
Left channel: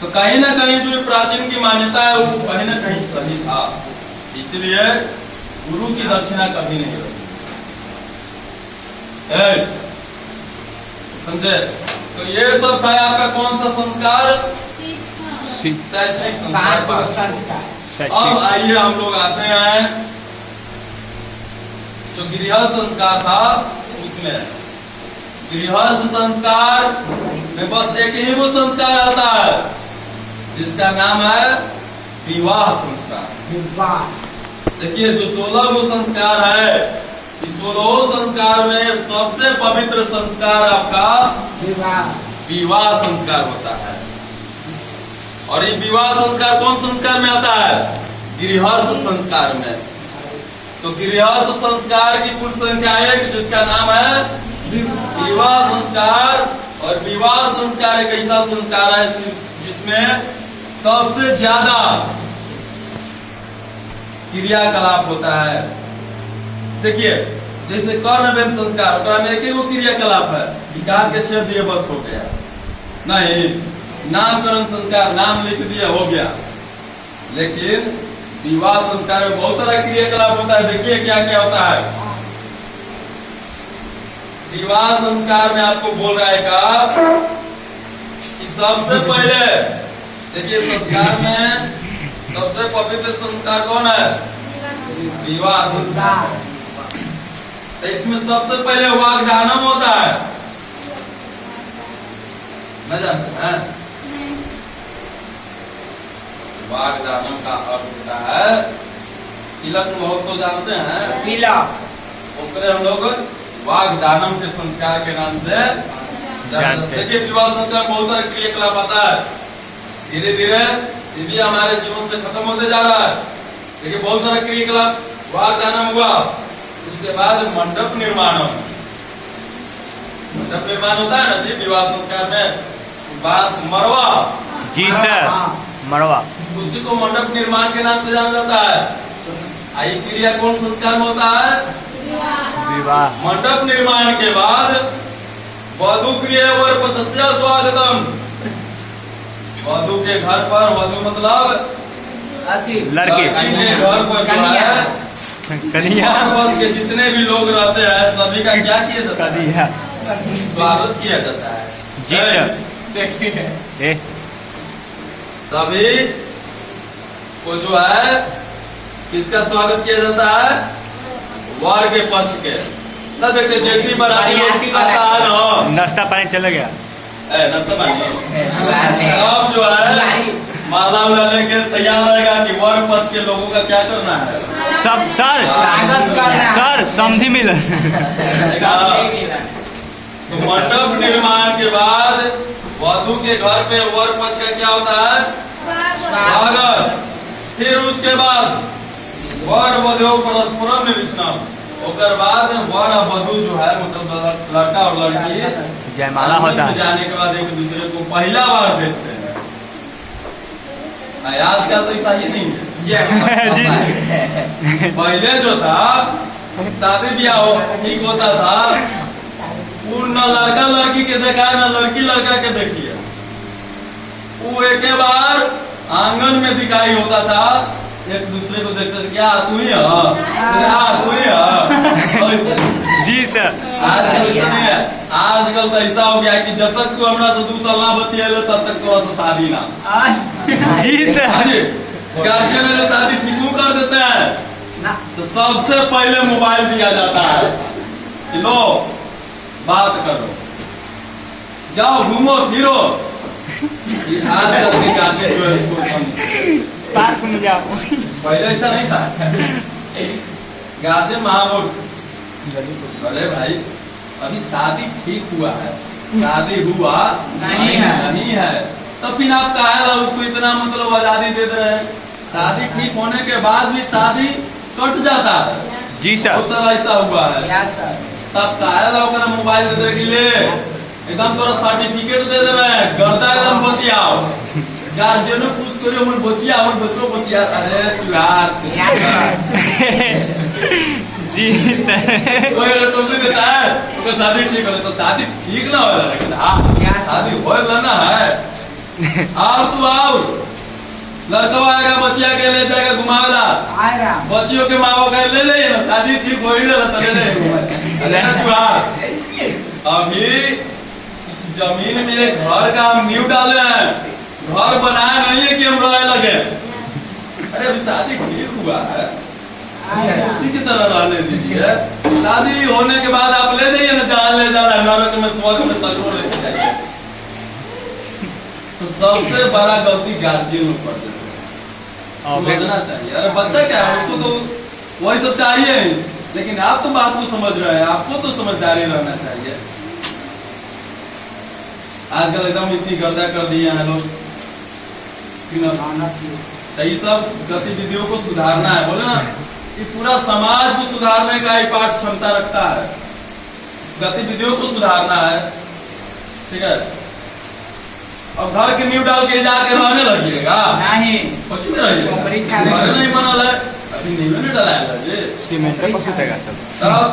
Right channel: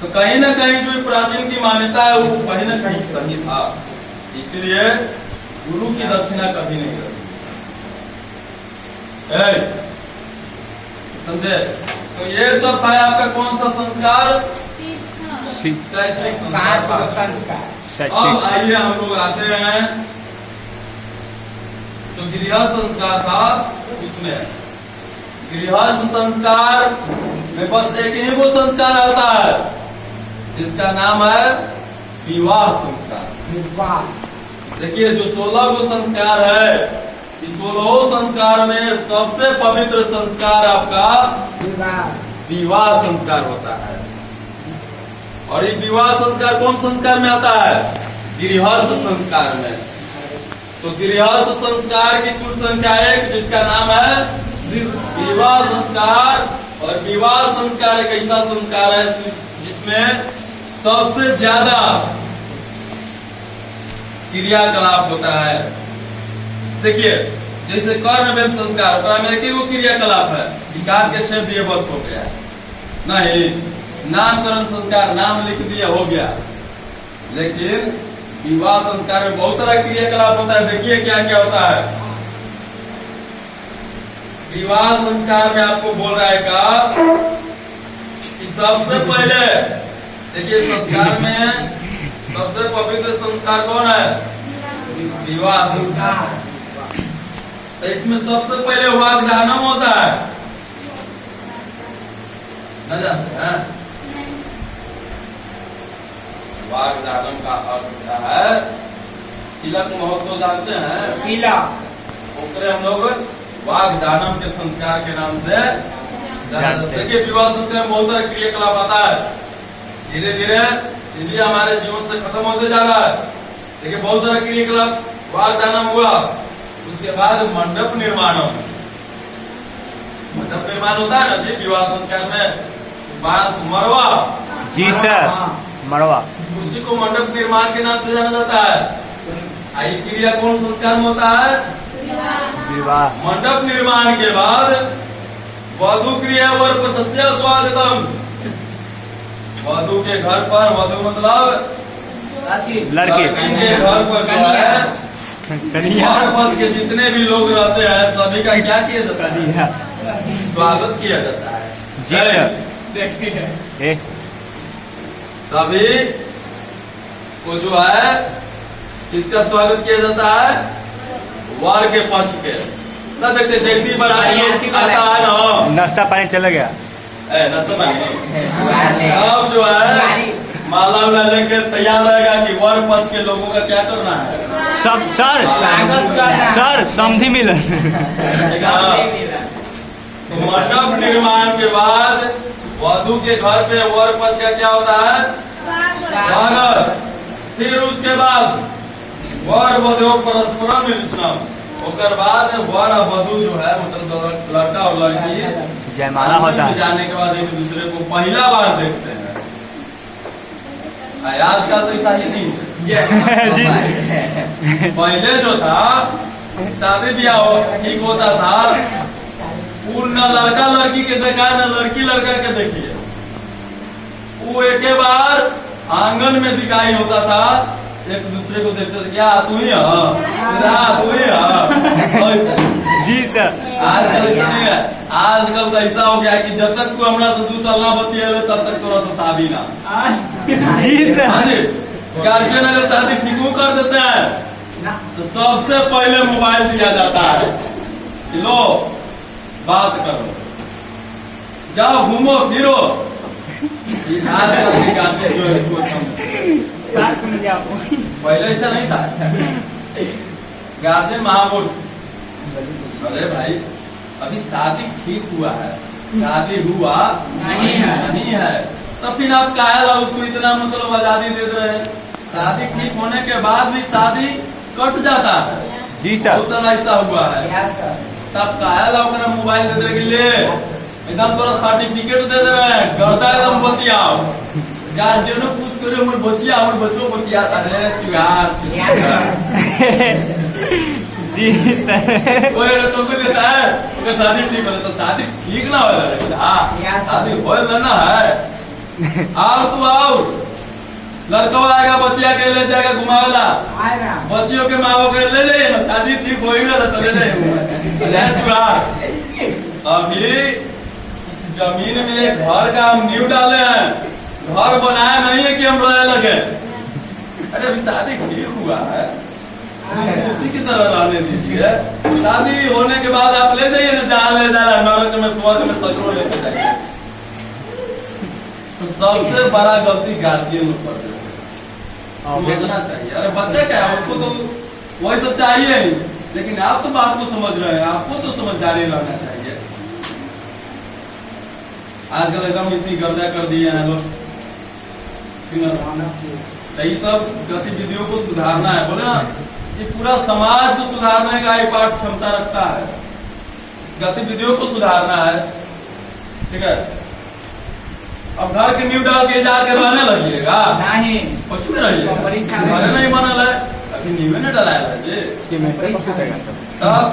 तो कहीं ना कहीं जो प्राचीन की मान्यता है वो कहीं ना कहीं सही था, इसलिए गुरु की दक्षिणा कभी नहीं रही। समझे? तो ये सब है आपका कौन सा संस्कार? शैक्षणिक संस्कार। अब आइए हम लोग आते हैं जो गृहस्थ संस्कार था उसमें। गृहस्थ संस्कार में बस एक ही वो संस्कार आता है जिसका नाम है विवाह संस्कार। देखिए जो 16 वो संस्कार है, इस 16 संस्कार में सबसे पवित्र संस्कार आपका विवाह संस्कार होता है। और ये विवाह संस्कार कौन संस्कार में आता है? गृहस्थ संस्कार में। तो गृहस्थ संस्कार की कुल संख्या एक, जिसका नाम है विवाह संस्कार। और विवाह संस्कार एक ऐसा संस्कार है जिसमें सबसे ज्यादा क्रियाकलाप होता है। देखिए जैसे कर्मवेद संस्कार में एक ही वो क्रियाकलाप है, विकार के 6 दिए बस हो गया। नहीं, नामकरण संस्कार नाम लिख दिया हो गया। लेकिन विवाह संस्कार में बहुत सारा क्रियाकलाप होता है। देखिए क्या क्या होता है। विवाह संस्कार में आपको बोल रहा है कि सबसे पहले देखिए संस्कार में सबसे पवित्र संस्कार कौन है? विवाह संस्कार। इसमें सबसे पहले वाग्दानम होता है, न जानते हैं? वाग्दानम का अर्थ होता है तिलक महोत्सव, जानते हैं? तिलक ओकरे हम लोग वाग्दानम के संस्कार के नाम से जानते हैं। देखिए विवाह संस्कार में बहुत सारे क्रियाकलाप आता है। धीरे धीरे ये भी हमारे जीवन से खत्म होते जा रहा है। देखिए बहुत सारा क्रियाकलाप वाग्दानम हुआ, उसके बाद मंडप निर्माण। मंडप निर्माण होता है ना जी विवाह संस्कार में, बांस मरवा। जी सर, मरवा। उसी को मंडप निर्माण के नाम से जाना जाता है। आई क्रिया कौन संस्कार में होता है? विवाह। मंडप निर्माण के बाद वधु क्रिया वर पक्षस्य स्वागतम। वधु के घर पर, वधु मतलब लड़के के घर पर जो है कन्या वर पक्ष के जितने भी लोग रहते हैं सभी का क्या किया जाता है? कन्या स्वागत किया जाता है। जी सर। ए सभी को जो है किसका स्वागत किया जाता है? वर के पक्ष के। ना देखते जैसी बाराती लोग आता है ना, नाश्ता पानी चला गया। नाश्ता पानी सब जो है माला उला लेके तैयार रहेगा कि वर पक्ष के लोगों का क्या करना है। सब सर समझी मिलन। तो मंडप निर्माण के बाद वधु के घर पे वर पक्ष का क्या होता है? स्वागत। फिर उसके बाद वर वधु परस्परम निरीक्षण। उसके बाद वर और वधु जो है मतलब लड़का और लड़की जयमाला होता है। जाने के बाद एक दूसरे को पहला बार देखते हैं। आजकल तो ऐसा ही नहीं है। जी पहले जो था शादी ब्याह ठीक होता था, वो न लड़का लड़की के देखा न लड़की लड़का के देखिए, वो एक बार आंगन में दिखाई होता था, एक दूसरे को देखते थे क्या तू ही जी सर। आजकल ऐसा नहीं है। आजकल तो ऐसा हो गया कि जब तक तू हमरा से 2 साल ना बतिया तब तक तोरा से शादी ना। जी सर। गार्जियन अगर शादी ठीक कर देते हैं तो सबसे पहले मोबाइल दिया जाता है कि लो बात करो, जाओ घूमो फिरो। आजकल के गार्जियन जो है इसको पहले ऐसा नहीं था। गार्जियन महामूर्ख। अरे भाई अभी शादी ठीक हुआ है, शादी हुआ नहीं है तो फिर आप काहे उसको इतना मतलब आजादी दे रहे हैं? शादी ठीक होने के बाद भी शादी कट जाता है। जी सर। बहुत सारा ऐसा हुआ है। तब काहे मोबाइल दे रहे ले एकदम तोरा सर्टिफिकेट दे दे रहे हैं, गर्दा एकदम बतियाओ। गार्जियनों पूछ करो हमर बचिया हमर बच्चों बतिया अरे चुहार जी सर। कोई टोपी देता है तो शादी ठीक हो, तो शादी ठीक ना हो, लेकिन हाँ शादी हो लेना है। आओ तू आओ, लड़का आएगा बचिया के ले जाएगा घुमावेला, बच्चियों के माँ बाप ले जाइए ना, शादी ठीक हो ही तो ले जाइए। अभी इस जमीन में एक घर का हम नींव डाले हैं, घर बनाया नहीं है कि हम रोने लगे। अरे अभी शादी ठीक हुआ है, उसी की तरह रहने दीजिए। शादी होने के बाद आप ले जाइए ना जहाँ ले जा रहा है, नरक में स्वर्ग में सगरो लेके जाइए। तो सबसे बड़ा गलती गार्जियन लोग करते हैं, समझना चाहिए। अरे बच्चा क्या है, उसको तो वही सब चाहिए ही, लेकिन आप तो बात को समझ रहे हैं, आपको तो समझदारी रहना चाहिए। आजकल एकदम इसी गर्दा कर दिए हैं लोग। ये सब गतिविधियों को सुधारना है, बोले ना ये पूरा समाज को सुधारने का ही पाठ क्षमता रखता है। इस गतिविधियों को सुधारना है, ठीक है। अब घर के नींव डाल के इजाज़त करवाने लगिएगा नहीं, कुछ में रहिए, घर नहीं बनल है अभी नींव नहीं डलाया जी। तब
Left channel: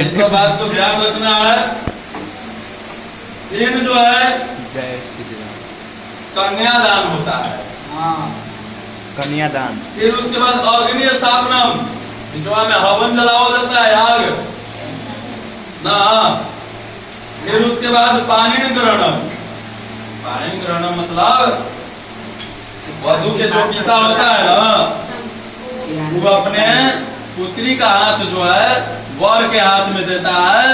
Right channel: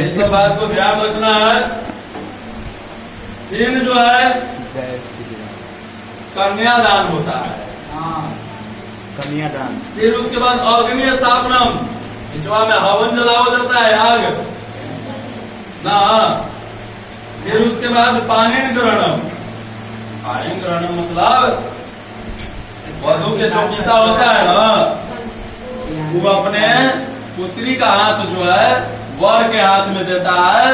इस बात को ध्यान रखना है। इन जो है कन्यादान होता है, कन्यादान। फिर उसके बाद अग्नि स्थापनम, पिछवा में हवन जलाया जाता है आग ना। फिर उसके बाद पानी ग्रहणम। पानी ग्रहणम मतलब वधु के जो पिता होता है ना, वो अपने पुत्री का हाथ जो है वर के हाथ में देता है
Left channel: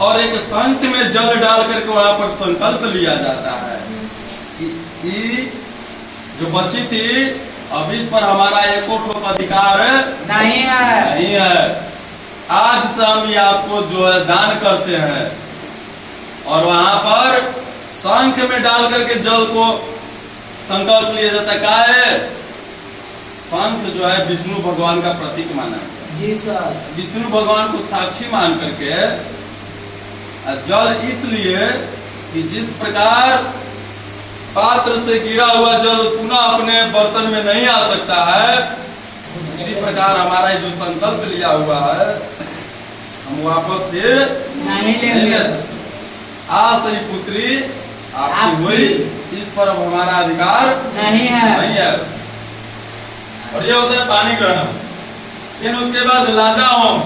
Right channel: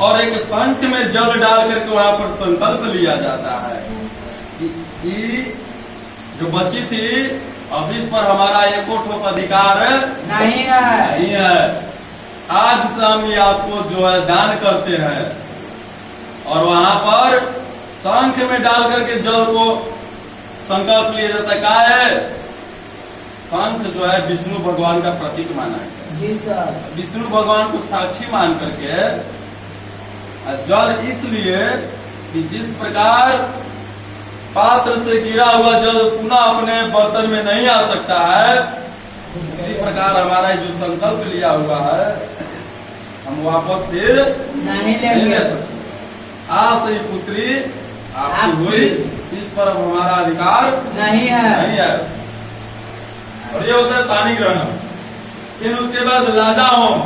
और एक शंख में जल डाल करके वहां पर संकल्प लिया जाता है कि जो बच्ची थी अब इस पर हमारा एक अधिकार नहीं है। आज से हम ये आपको जो है दान करते हैं। और वहां पर शंख में डाल करके जल को संकल्प लिया जाता है। क्या है? शंख जो है विष्णु भगवान का प्रतीक माना है। जी सर। विष्णु भगवान को साक्षी मान करके जल इसलिए कि जिस प्रकार पात्र से गिरा हुआ जल पुनः अपने बर्तन में नहीं आ सकता है, उसी प्रकार हमारा जो संकल्प लिया हुआ है हम वापस फिर नहीं ले सकते। आज ही पुत्री आपकी हुई, इस पर अब हमारा अधिकार नहीं है। और ये होता है पानी ग्रहण। फिर उसके बाद लाजा होम,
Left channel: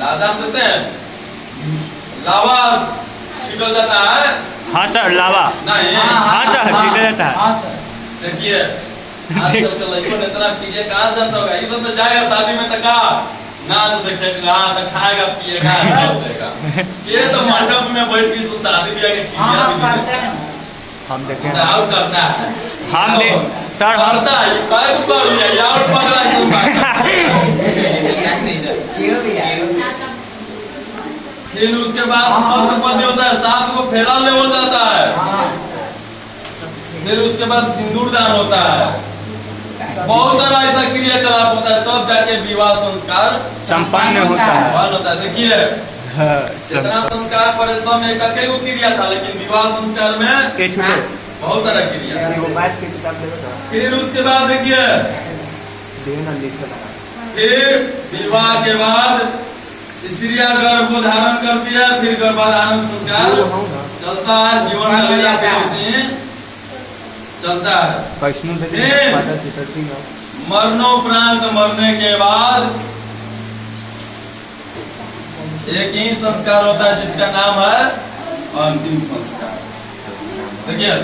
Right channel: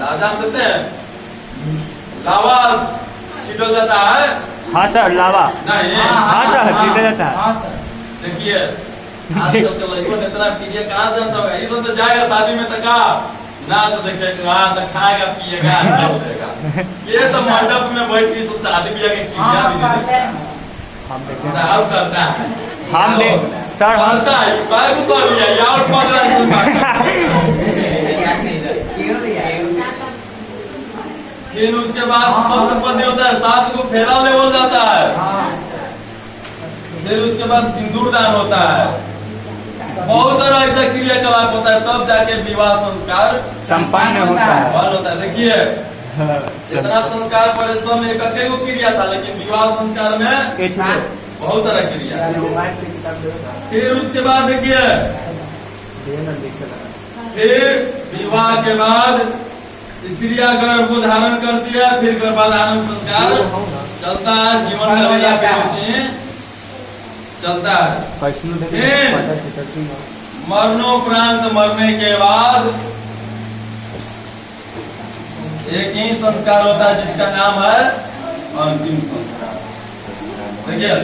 लाजा देते हैं, लावा छिटल जाता है। हाँ सर, लावा। नहीं, हाँ सर, छिटा जाता है। हाँ सर। देखिए आजकल के लड़कों ने इतना कीजिए, कहाँ से जानता होगा? ये तो जाएगा शादी में तक नाच देखेगा, खाएगा पिएगा, देगा। ये तो मंडप में बैठ के शादी ब्याह के हाँ किया करते हैं। हम देखें। और करता है। हम दे सर, हम करता है, काय को कर लिया या और पकड़ा फिर उसके बाद सप्तपदी होता है, 7 को फेरा लेवल जाता है। फिर उसके बाद सिंदूर दान होता है। बहुत तरह ऐसा क्रियाकलाप होता है, तब जाके विवाह संस्कार संपन्न होता है। बन होता है। देखिए हाँ, जितना संस्कार परिश्रम एक अकेले क्रिया था, लेकिन विवाह संस्कार में एक छुटे। बहुत तरह क्रिया। फिर उसके बाद देखिए, फिर विवाह के बाद स्त्रियां गर्भ को धारण करती है, फिर गर्भाधारण संस्कार चलता है, जीवन का चलता है। मरणोपरांत मरने के बाद एक ही संस्कार होता है जिसका नाम है अंतिम संस्कार। देखिए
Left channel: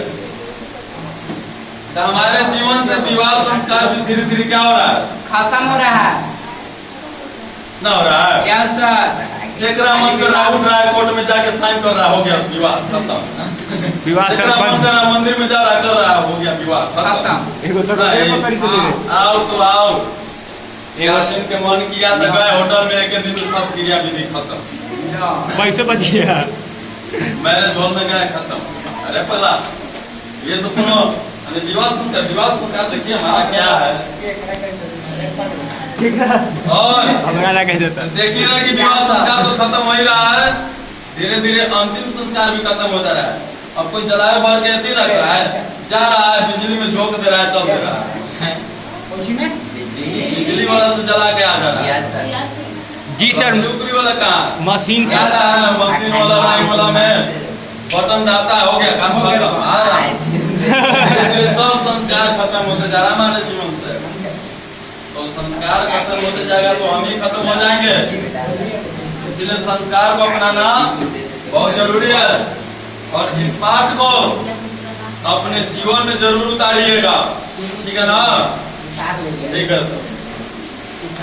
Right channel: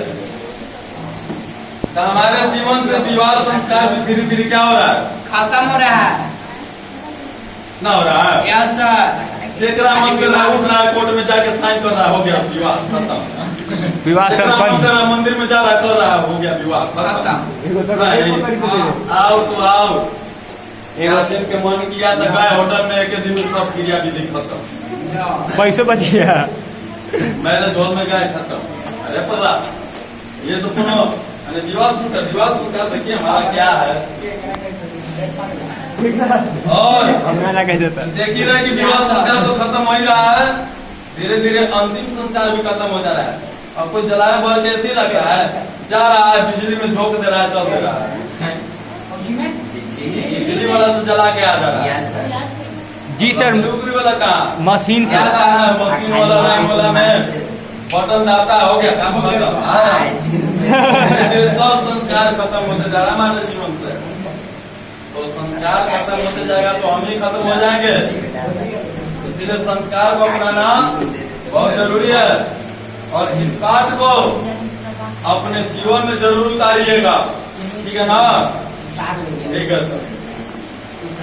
तो हमारे जीवन से विवाह संस्कार भी धीरे धीरे क्या हो रहा है? खत्म हो रहा है। ना हो रहा है। क्या सर? जेकरा मन कर रहा उठ रहा है, कोर्ट में जाके साइन कर रहा, हो गया विवाह खत्म। विवाह जेकरा मन कर संपन्न। रहा मंदिर में जा रहा, कर रहा, हो गया विवाह खत्म। आओ तो आओ, जिनके मन किया तो गए होटल में, एक दिन सब क्रिया विधि खत्म। पैसे बच गया। मैरिज हॉल में गए, खत्म। अरे पला ये तो सुनो, विवाह संस्कार देखिए हमारा क्या है। और हमारा ना कह देता। देखिए रहे कि विवाह संस्कार तो खत्म हो ही रहा है, धीरे धीरे अंतिम संस्कार भी खत्म हो जा रहा है। अब कोई जलाए भर के ऐसे रख रहा है, जा रहा है बिजली में झोंक दे रहा है, चल दे रहा है, बिजली वाला से जला के आ जा रहा है। जी सर, नौकरी वाला कहाँ मशीन से। जाता है, मशीन वाला नहीं वाला में बटन दाता हो गया, काम खत्म। आ रहा है धीरे सब संस्कार खत्म होते जा रहा है हमारे जीवन से। तो संस्कार खत्म होते जाएगा तो हम ही खत्म हो जाएंगे। इसलिए संस्कार को अपनाना बहुत जरूरी है, और इस बात को अपने जीवन में जरूर उतारिएगा। ठीक है ना? ठीक है।